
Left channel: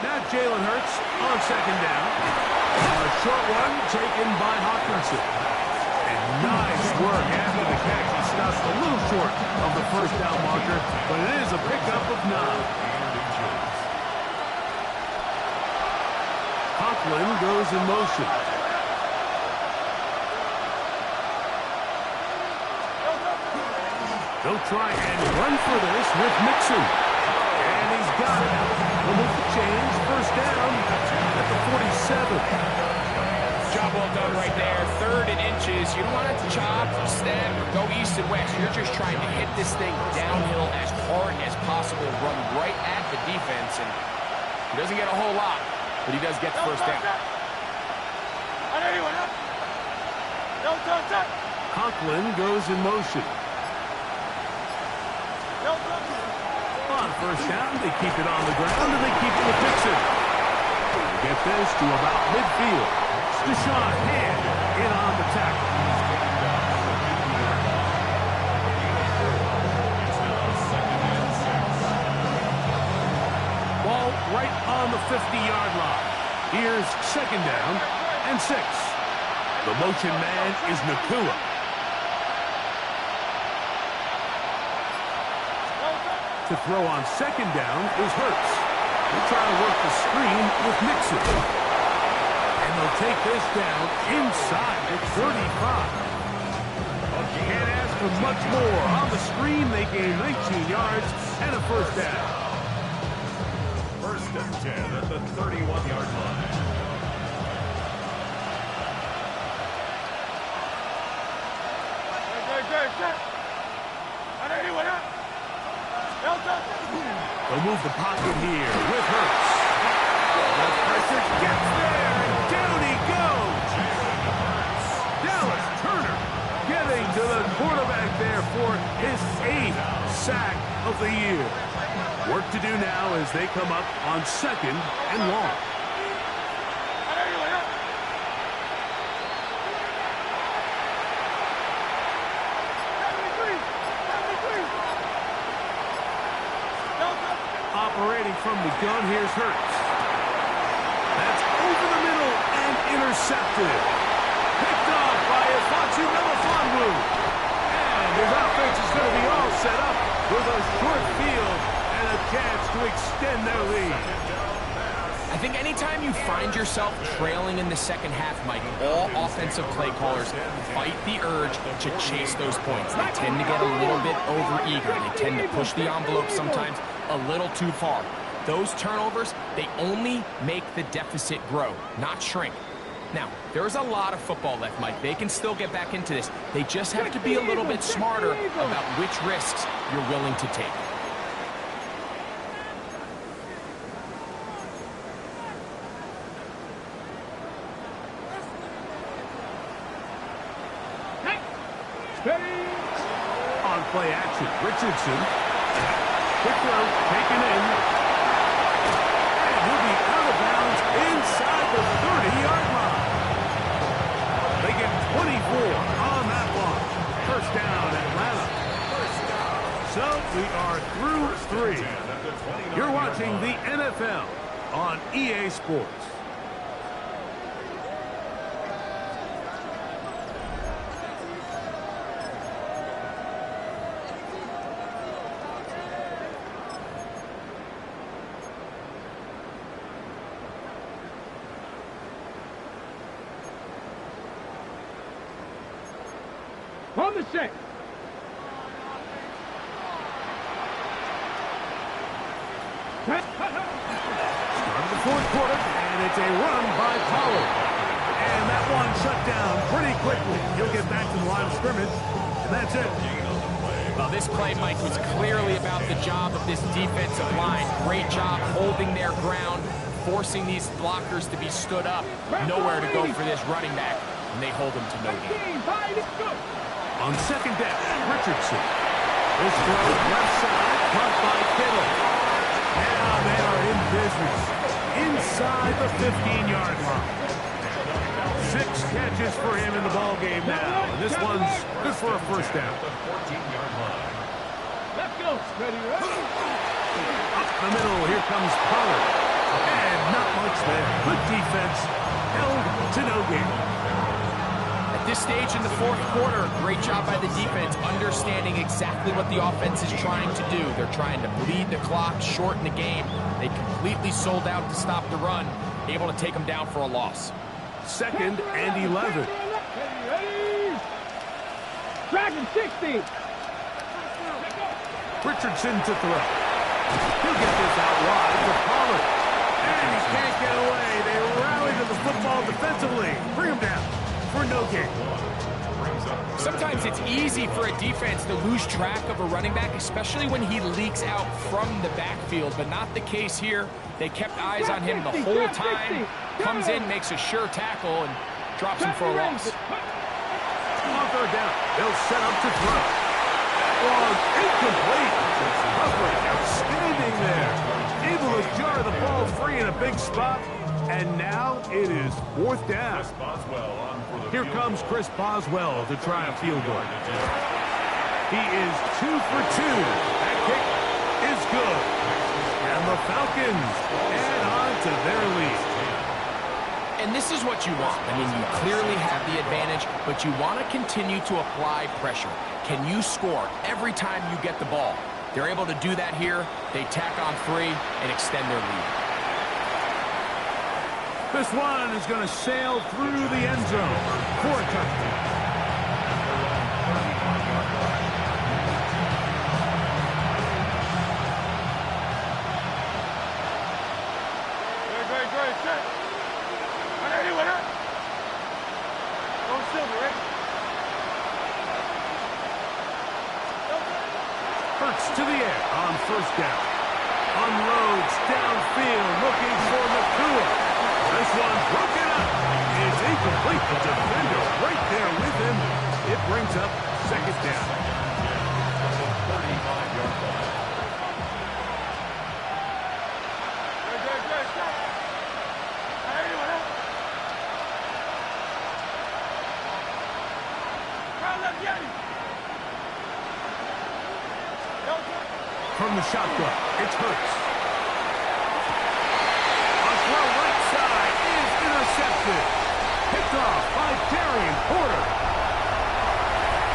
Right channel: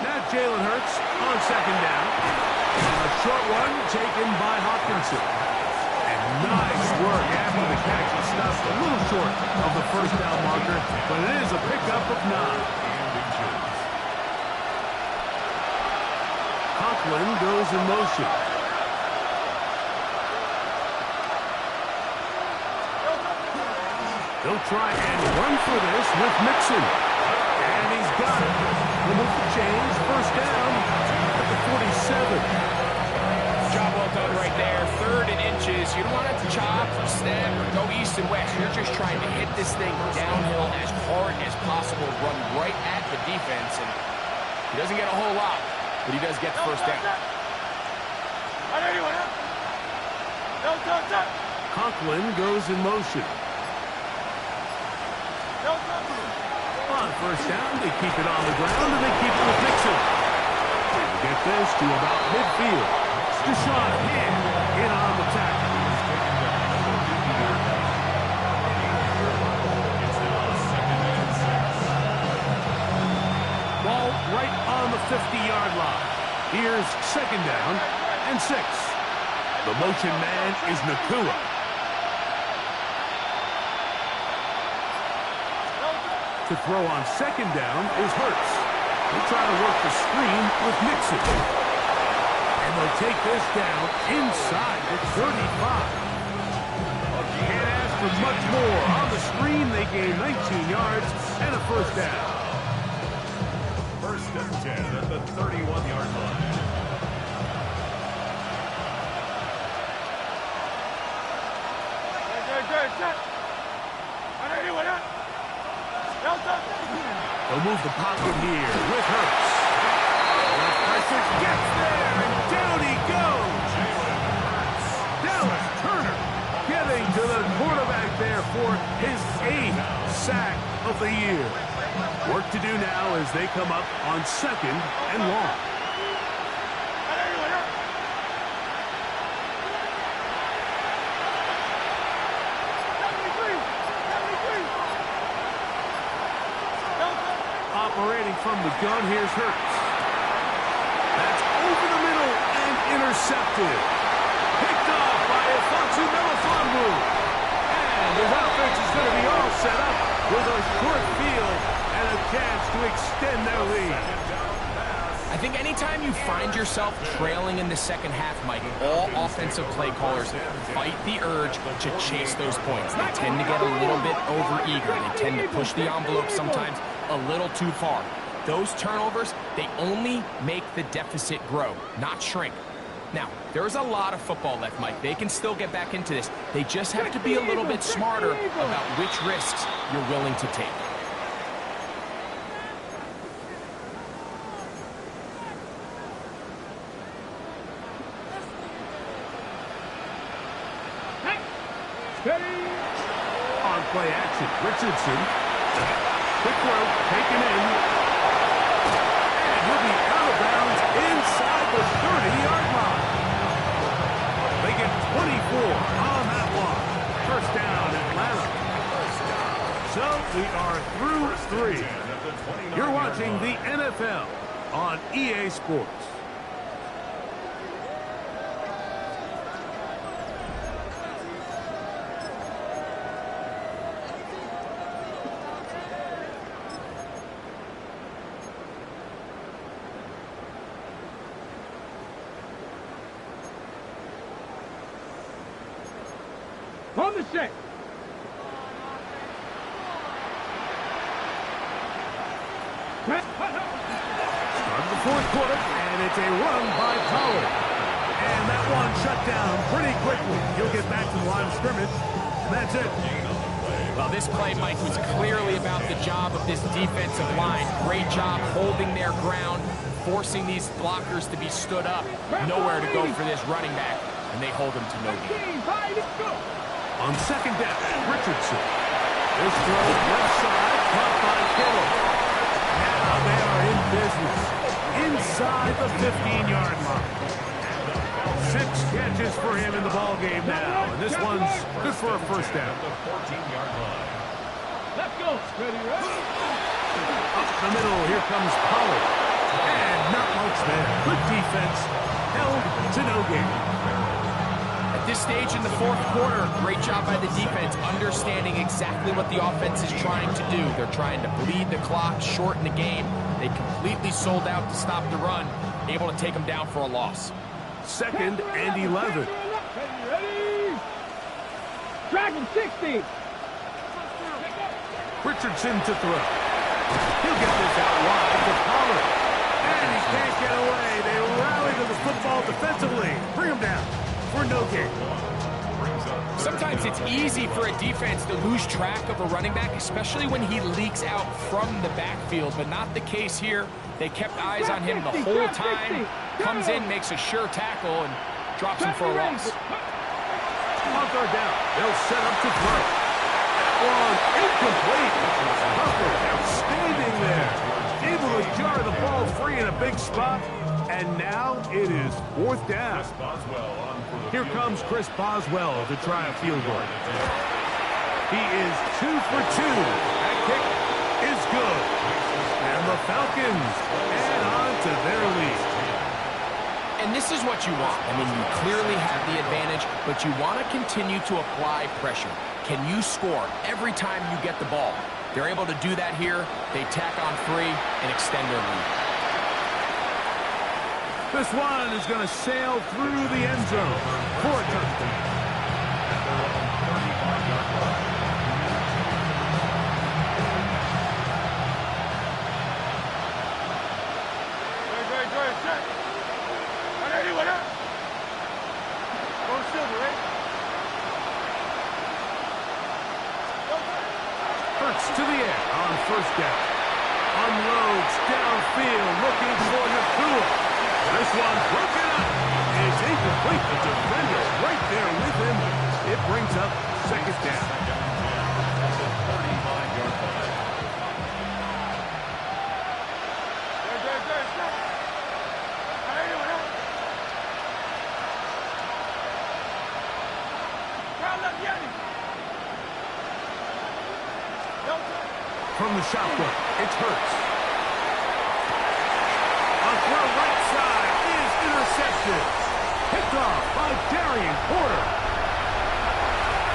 Now Jalen Hurts on second down. A short one taken by Hawkinson. And nice work after the catch. He stopped a little short of the first down marker, but it is a pickup of 9. Conklin goes in motion. They'll try and run for this with Mixon. And he's got it. He'll move the chains. First down at the 47. Job well done right there. 3rd and inches. You don't want it to chop, step, or go east and west. You're just trying to hit this thing downhill as hard as possible, run right at the defense, and he doesn't get a whole lot, but he does get the first down. Conklin goes in motion. On first down, they keep it on the ground, and they keep it with Pcen. They get this to about midfield. Deshaun Hand in on the tackle. Ball right on the 50-yard line. Here's second down and 6. The motion man is Nakua. To throw on second down is Hurts. They try to work the screen with Mixon. And they'll take this down inside the 35. Can't ask for much more. On the screen, they gain 19 yards and a first down. 1st and 10 at the 31-yard line. They'll move the pocket here with Hurts. The pressure gets there, and down he goes. Dallas Turner getting to the quarterback there for his 8th sack of the year. Work to do now as they come up on 2nd and long. Operating from the gun, here's Hurts. That's over the middle and intercepted. Picked off by Ifonsu Melifonwu. And his offense is going to be all set up with a short field and a chance to extend their lead. I think anytime you find yourself trailing in the second half, Mike, all offensive play callers fight the urge to chase those points. They tend to get a little bit overeager. They tend to push the envelope sometimes a little too far. Those turnovers, they only make the deficit grow, not shrink. Now, there's a lot of football left, Mike. They can still get back into this. They just have to be a little bit smarter about which risks you're willing to take. On play action, Richardson. Quick throw, taken in. And he'll be out of bounds inside the 30-yard line. They get 24 on that one. First down, Atlanta. So we are through 3. You're watching the NFL on EA Sports. On the set. Start of the 4th quarter, and it's a run by Pollard. And that one shut down pretty quickly. He'll get back to the line of scrimmage, and that's it. Well, this play, Mike, was clearly about the job of this defensive line. Great job holding their ground, forcing these blockers to be stood up. Nowhere to go for this running back. and they hold him to no gain. On second down, Richardson. This throw left side, caught by Kittle. Now they are in business inside the 15-yard line. 6 catches for him in the ball game now, and this one's good for a first down. The 14-yard line. Let's go. Ready, ready. Up the middle, here comes Pollard. And not much there. Good defense, held to no gain. At this stage in the fourth quarter, great job by the defense, understanding exactly what the offense is trying to do. They're trying to bleed the clock, shorten the game. They completely sold out to stop the run, able to take them down for a loss. Second and 11. Ready. Dragon 60. Richardson to throw. He'll get this out wide to Pollard. And he can't get away. They rally to the football defensively. Bring him down for no gain. Sometimes it's easy for a defense to lose track of a running back, especially when he leaks out from the backfield, but not the case here. They kept eyes on him the whole time. Comes in, makes a sure tackle, and drops him for a loss. On third down, they'll set up to throw. That one incomplete. Hubbard outstanding there. Able to jar the ball free in a big spot. And now it is fourth down. Here comes Chris Boswell to try a field goal. He is 2 for 2. That kick is good. And the Falcons add on to their lead. And this is what you want. I mean, you clearly have the advantage, but you want to continue to apply pressure. Can you score every time you get the ball? They're able to do that here. They tack on 3 and extend their lead. This one is going to sail through the end zone for a touchdown. At their own 35-yard line. Good, set. Anyone up? Go silver, right? Hurts to the air on first down. Unloads downfield looking for Nakua. This one broken up. It's incomplete. The defender right there with him. It brings up second down. At the 35-yard line. Good, set. Anyone up? Round up, Yeti. From the shotgun, it's Hurts. A throw right side is intercepted. Picked off by Darian Porter.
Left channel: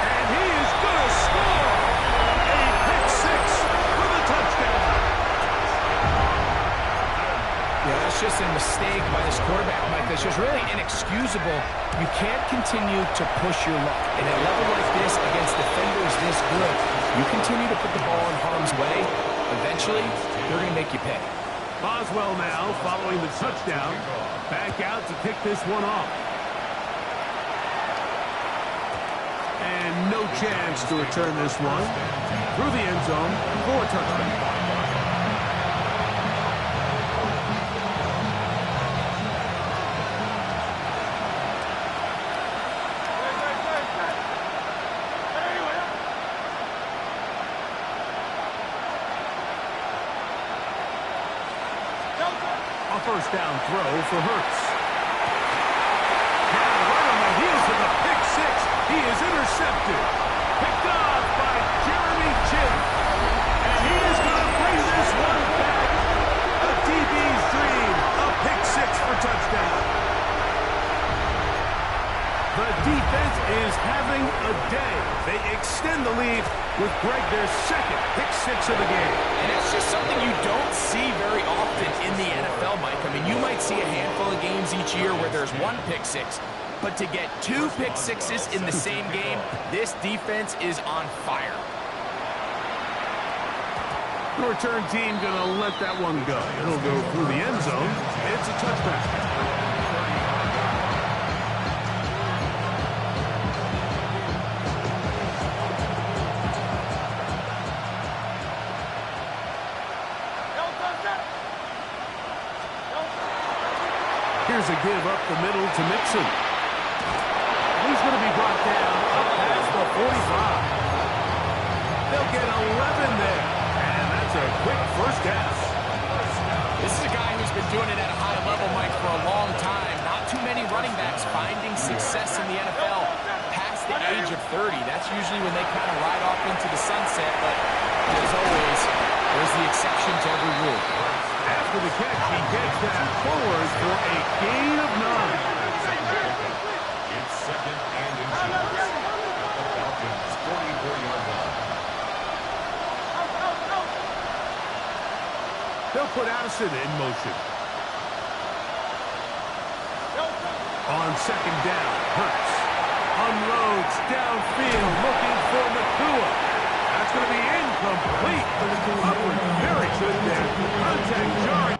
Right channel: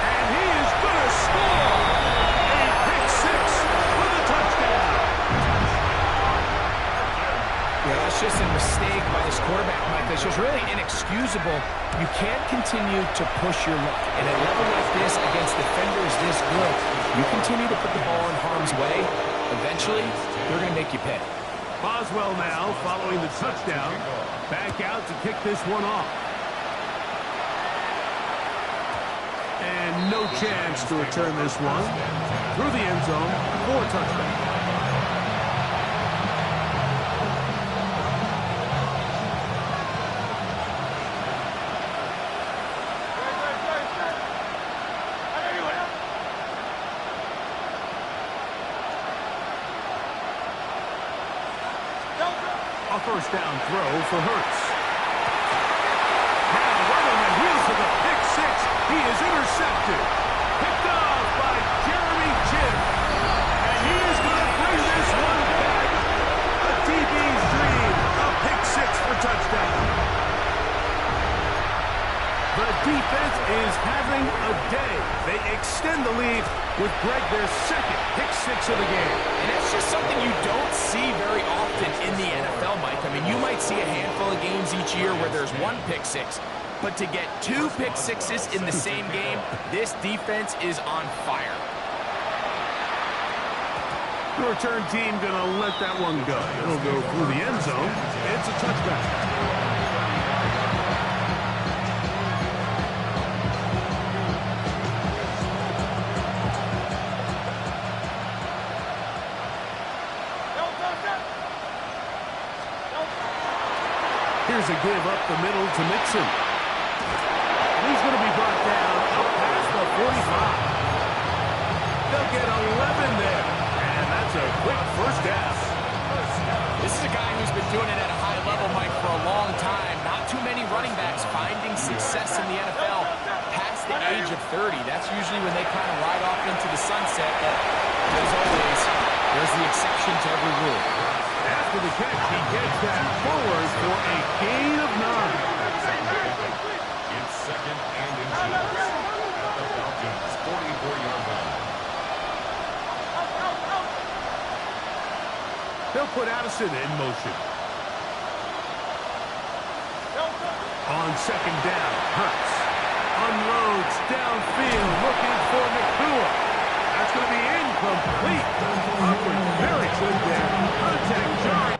And he is going to score. A pick 6 for the touchdown. Yeah, that's just a mistake by this quarterback, Mike. That's just really inexcusable. You can't continue to push your luck. And at a level like this, against defenders this good, you continue to put the ball in harm's way, eventually, they're going to make you pay. Boswell now, following the touchdown, back out to kick this one off. And no chance to return this one through the end zone for a touchdown. A first down throw for Hurts. Now right on the heels of the pick 6, he is intercepted. Picked off by Jeremy Chinn. And he is going to bring this one back. A DB's dream. A pick 6 for touchdown. The defense is having a day. They extend the lead with Greg their second pick 6 of the game. And it's just something you don't see very often in the NFL, Mike. I mean, you might see a handful of games each year where there's 1 pick 6. But to get 2 pick 6s in the same game, this defense is on fire. The return team going to let that one go. It'll go through the end zone. It's a touchback. Here's a give up the middle to Mixon. He's going to be brought down up past the 45. They'll get 11 there. And that's a quick first down. This is a guy who's been doing it at a high level, Mike, for a long time. Not too many running backs finding success in the NFL past the age of 30. That's usually when they kind of ride off into the sunset, but as always, there's the exception to every rule. After the catch, he gets that forward for a gain of 9. It's second and inches at the Falcons' 44-yard line. They'll put Addison in motion. On second down, Hurts unloads downfield looking for Nakua. That's going to be incomplete. Upward, very good there. Contact jarring.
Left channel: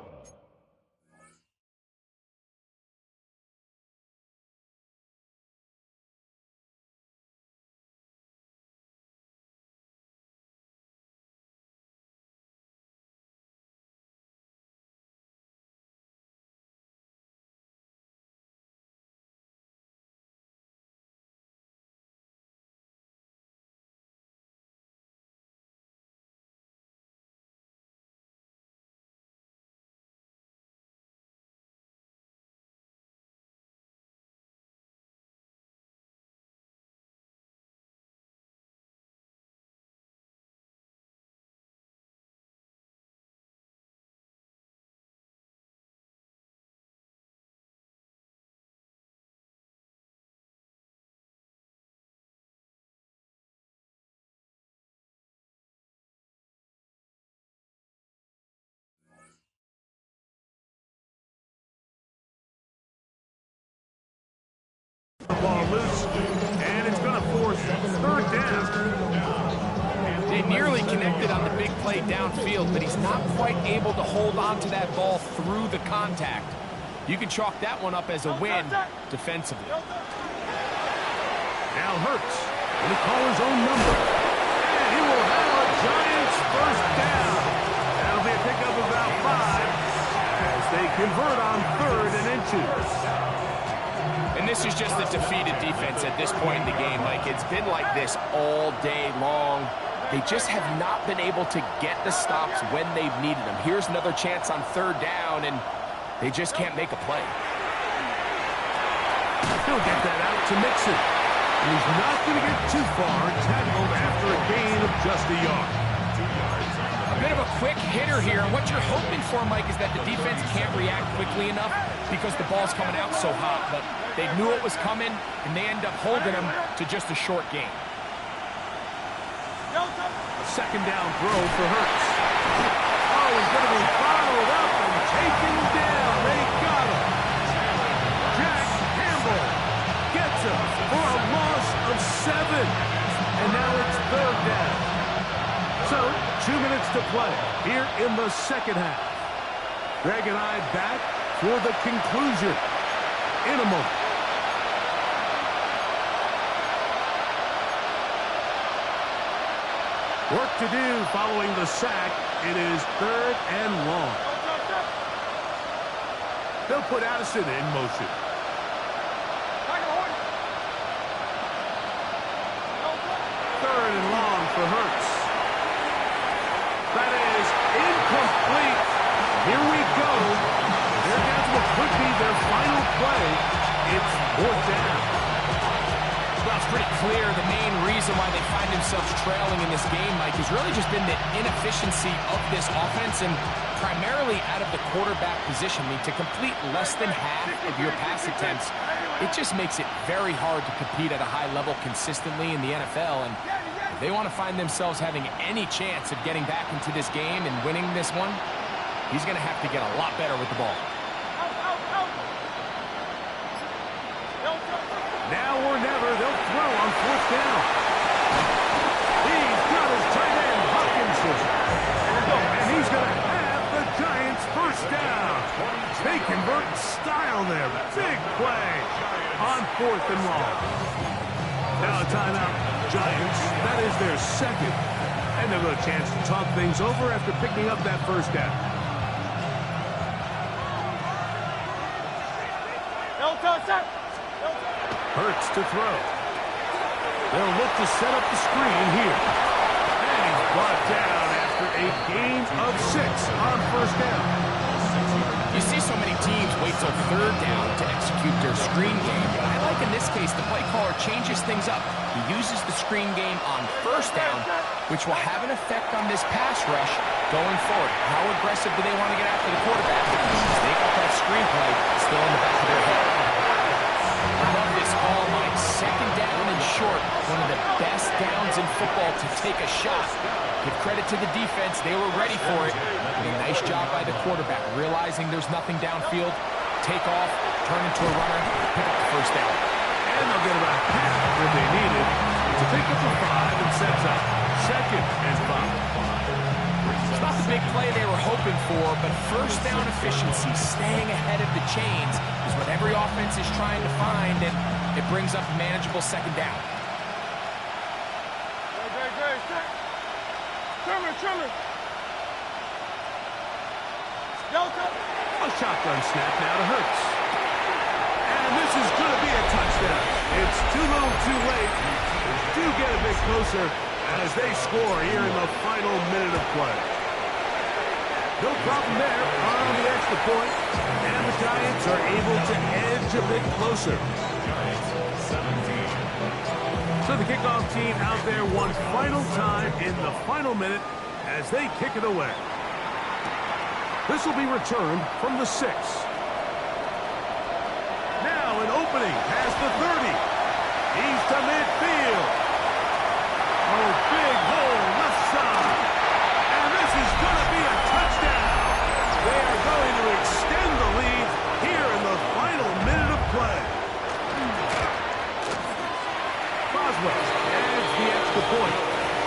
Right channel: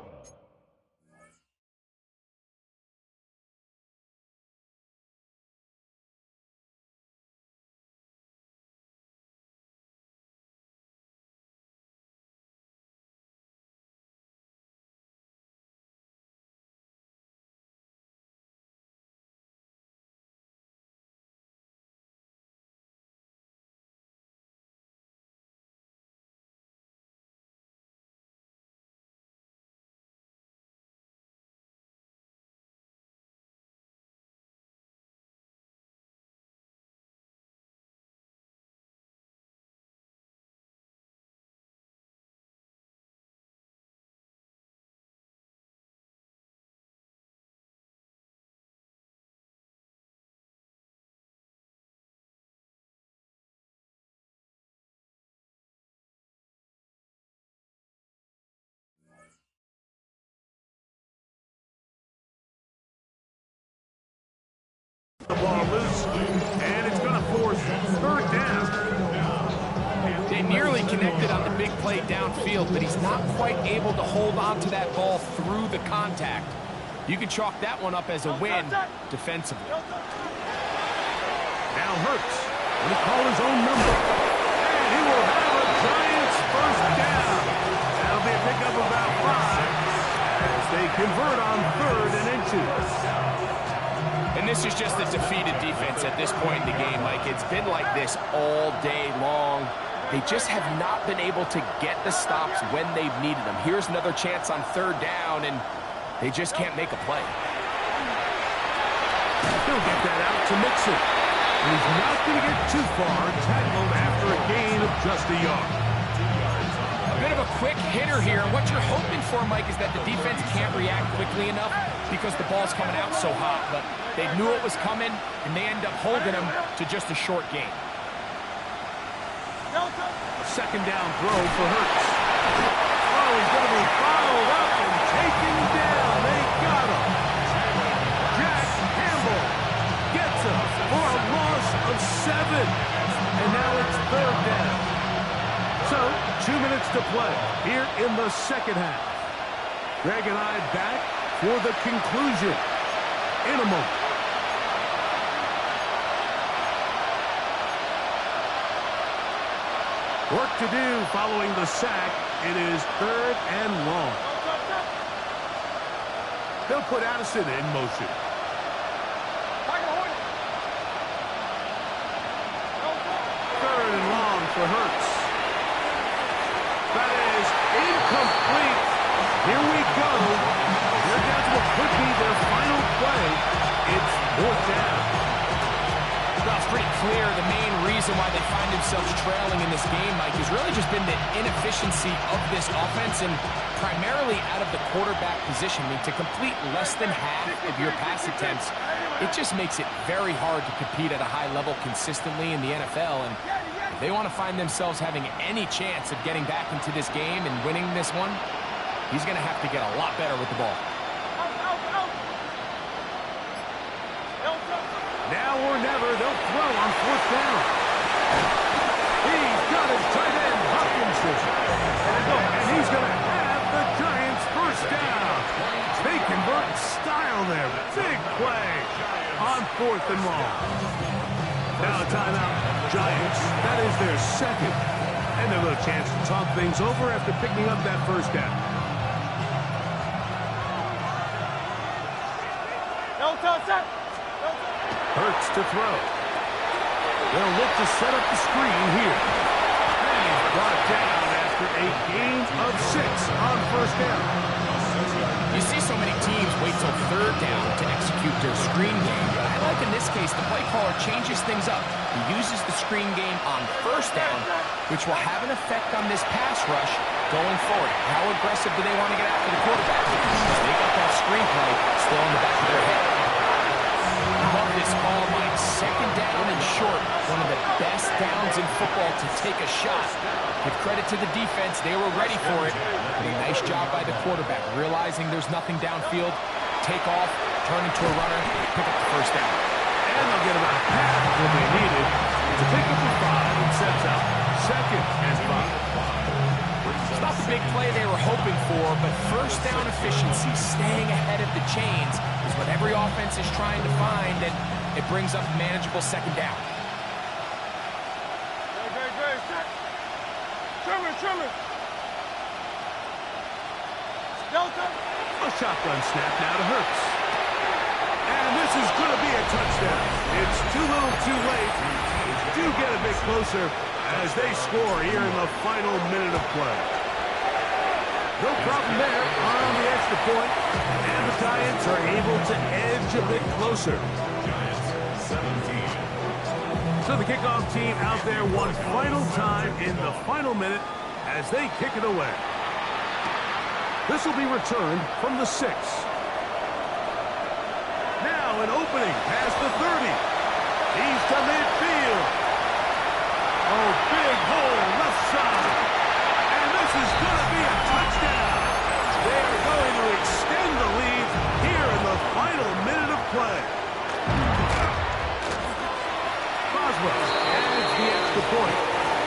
The ball loose, and it's going to force third down. They nearly connected on the big play downfield, but he's not quite able to hold on to that ball through the contact. You can chalk that one up as a win defensively. Now Hurts going to call his own number, and he will have a Giants first down. That'll be a pickup of about 5 as they convert on 3rd and inches. And this is just a defeated defense at this point in the game, Mike. It's been like this all day long. They just have not been able to get the stops when they've needed them. Here's another chance on 3rd down, and they just can't make a play. He'll get that out to Mixon. He's not going to get too far, tackled after a gain of just a yard. A bit of a quick hitter here, and what you're hoping for, Mike, is that the defense can't react quickly enough because the ball's coming out so hot, but they knew it was coming, and they end up holding them to just a short gain. A second down throw for Hurts. Oh, he's going to be followed up and taken down. They got him. Jack Campbell gets him for a loss of 7. And now it's 3rd down. So, 2 minutes to play here in the second half. Greg and I back for the conclusion in a moment. Work to do following the sack. It is 3rd and long. They'll put Addison in motion. 3rd and long for Hurts. That is incomplete. Here we go. They're down to what could be their final play. It's 4th down. Well, it's pretty clear the main reason why they find themselves trailing in this game, Mike, has really just been the inefficiency of this offense and primarily out of the quarterback position. I mean, to complete less than half of your pass attempts, it just makes it very hard to compete at a high level consistently in the NFL. And if they want to find themselves having any chance of getting back into this game and winning this one, he's going to have to get a lot better with the ball. Now or never, they'll throw on 4th down. He's got his tight end, Hopkinson. And he's going to have the Giants first down. They convert in style there. Big play on 4th and long. Now a timeout. Giants, that is their 2nd. And they'll have a chance to talk things over after picking up that first down. Hurts to throw. They'll look to set up the screen here. And he's brought down after a gain of 6 on first down. You see so many teams wait till third down to execute their screen game, but I like in this case the play caller changes things up. He uses the screen game on first down, which will have an effect on this pass rush going forward. How aggressive do they want to get after the quarterback? Because they got that screen play still in the back of their head. I love this call, Mike. Second down and short. One of the best downs in football to take a shot. Give credit to the defense. They were ready for it. But a nice job by the quarterback, realizing there's nothing downfield. Take off, turn into a runner, pick up the first down. And they'll get about half what they needed to pick up the 5 and sets up 2nd and 5. It's not the big play they were hoping for, but first down efficiency, staying ahead of the chains, is what every offense is trying to find, and it brings up a manageable second down. Great. Trimmer. Delta. A shotgun snap now to Hurts. And this is going to be a touchdown. It's too little too late. Do get a bit closer as they score here in the final minute of play. No problem there on the extra point, and the Giants are able to edge a bit closer. Giants 17. So the kickoff team out there one final time in the final minute as they kick it away. This will be returned from the 6. Now an opening past the 30. He's to midfield. Oh, big hole left side. And this is going to be a touchdown. They are going to extend the lead here in the final minute of play. Boswell adds the extra point,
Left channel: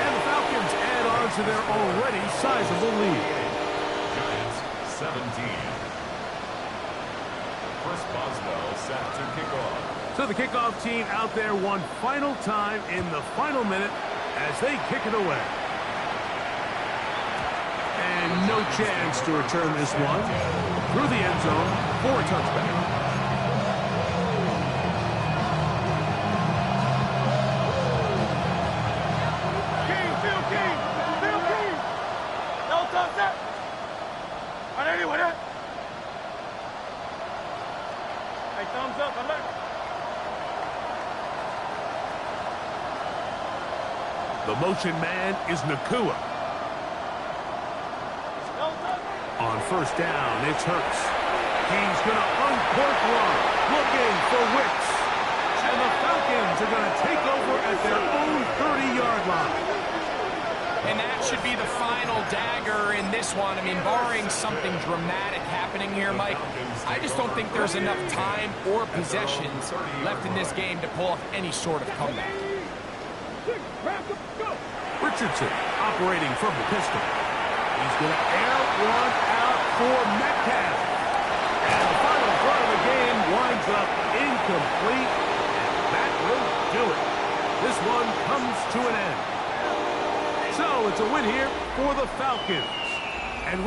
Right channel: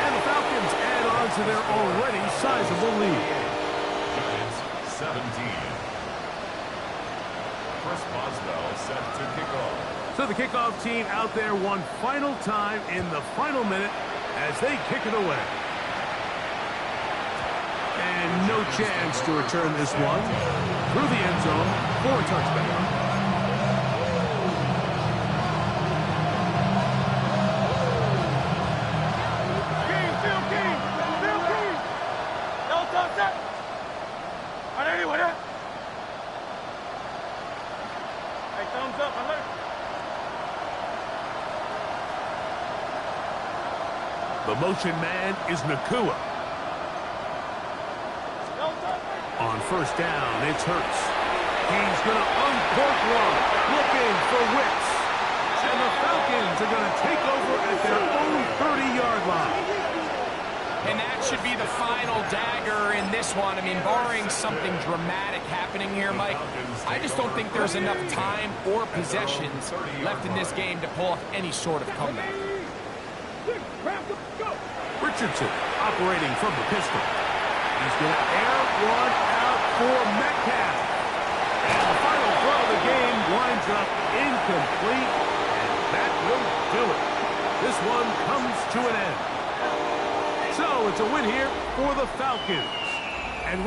and the Falcons add on to their already sizable lead. Giants 17. Chris Boswell set to kick off. So the kickoff team out there one final time in the final minute as they kick it away. And no chance to return this one through the end zone for a touchback. Hey, thumbs up, alert. The motion man is Nakua. On first down, it's Hurts. He's going to uncork one, looking for Wicks. And the Falcons are going to take over at their own 30-yard line. And that should be the final dagger in this one. I mean, barring something dramatic happening here, Mike, I just don't think there's enough time or possessions left in this game to pull off any sort of comeback. Richardson operating from the pistol. He's going to air one out for Metcalf. And the final throw of the game winds up incomplete. And that will do it. This one comes to an end. So it's a win here for the Falcons.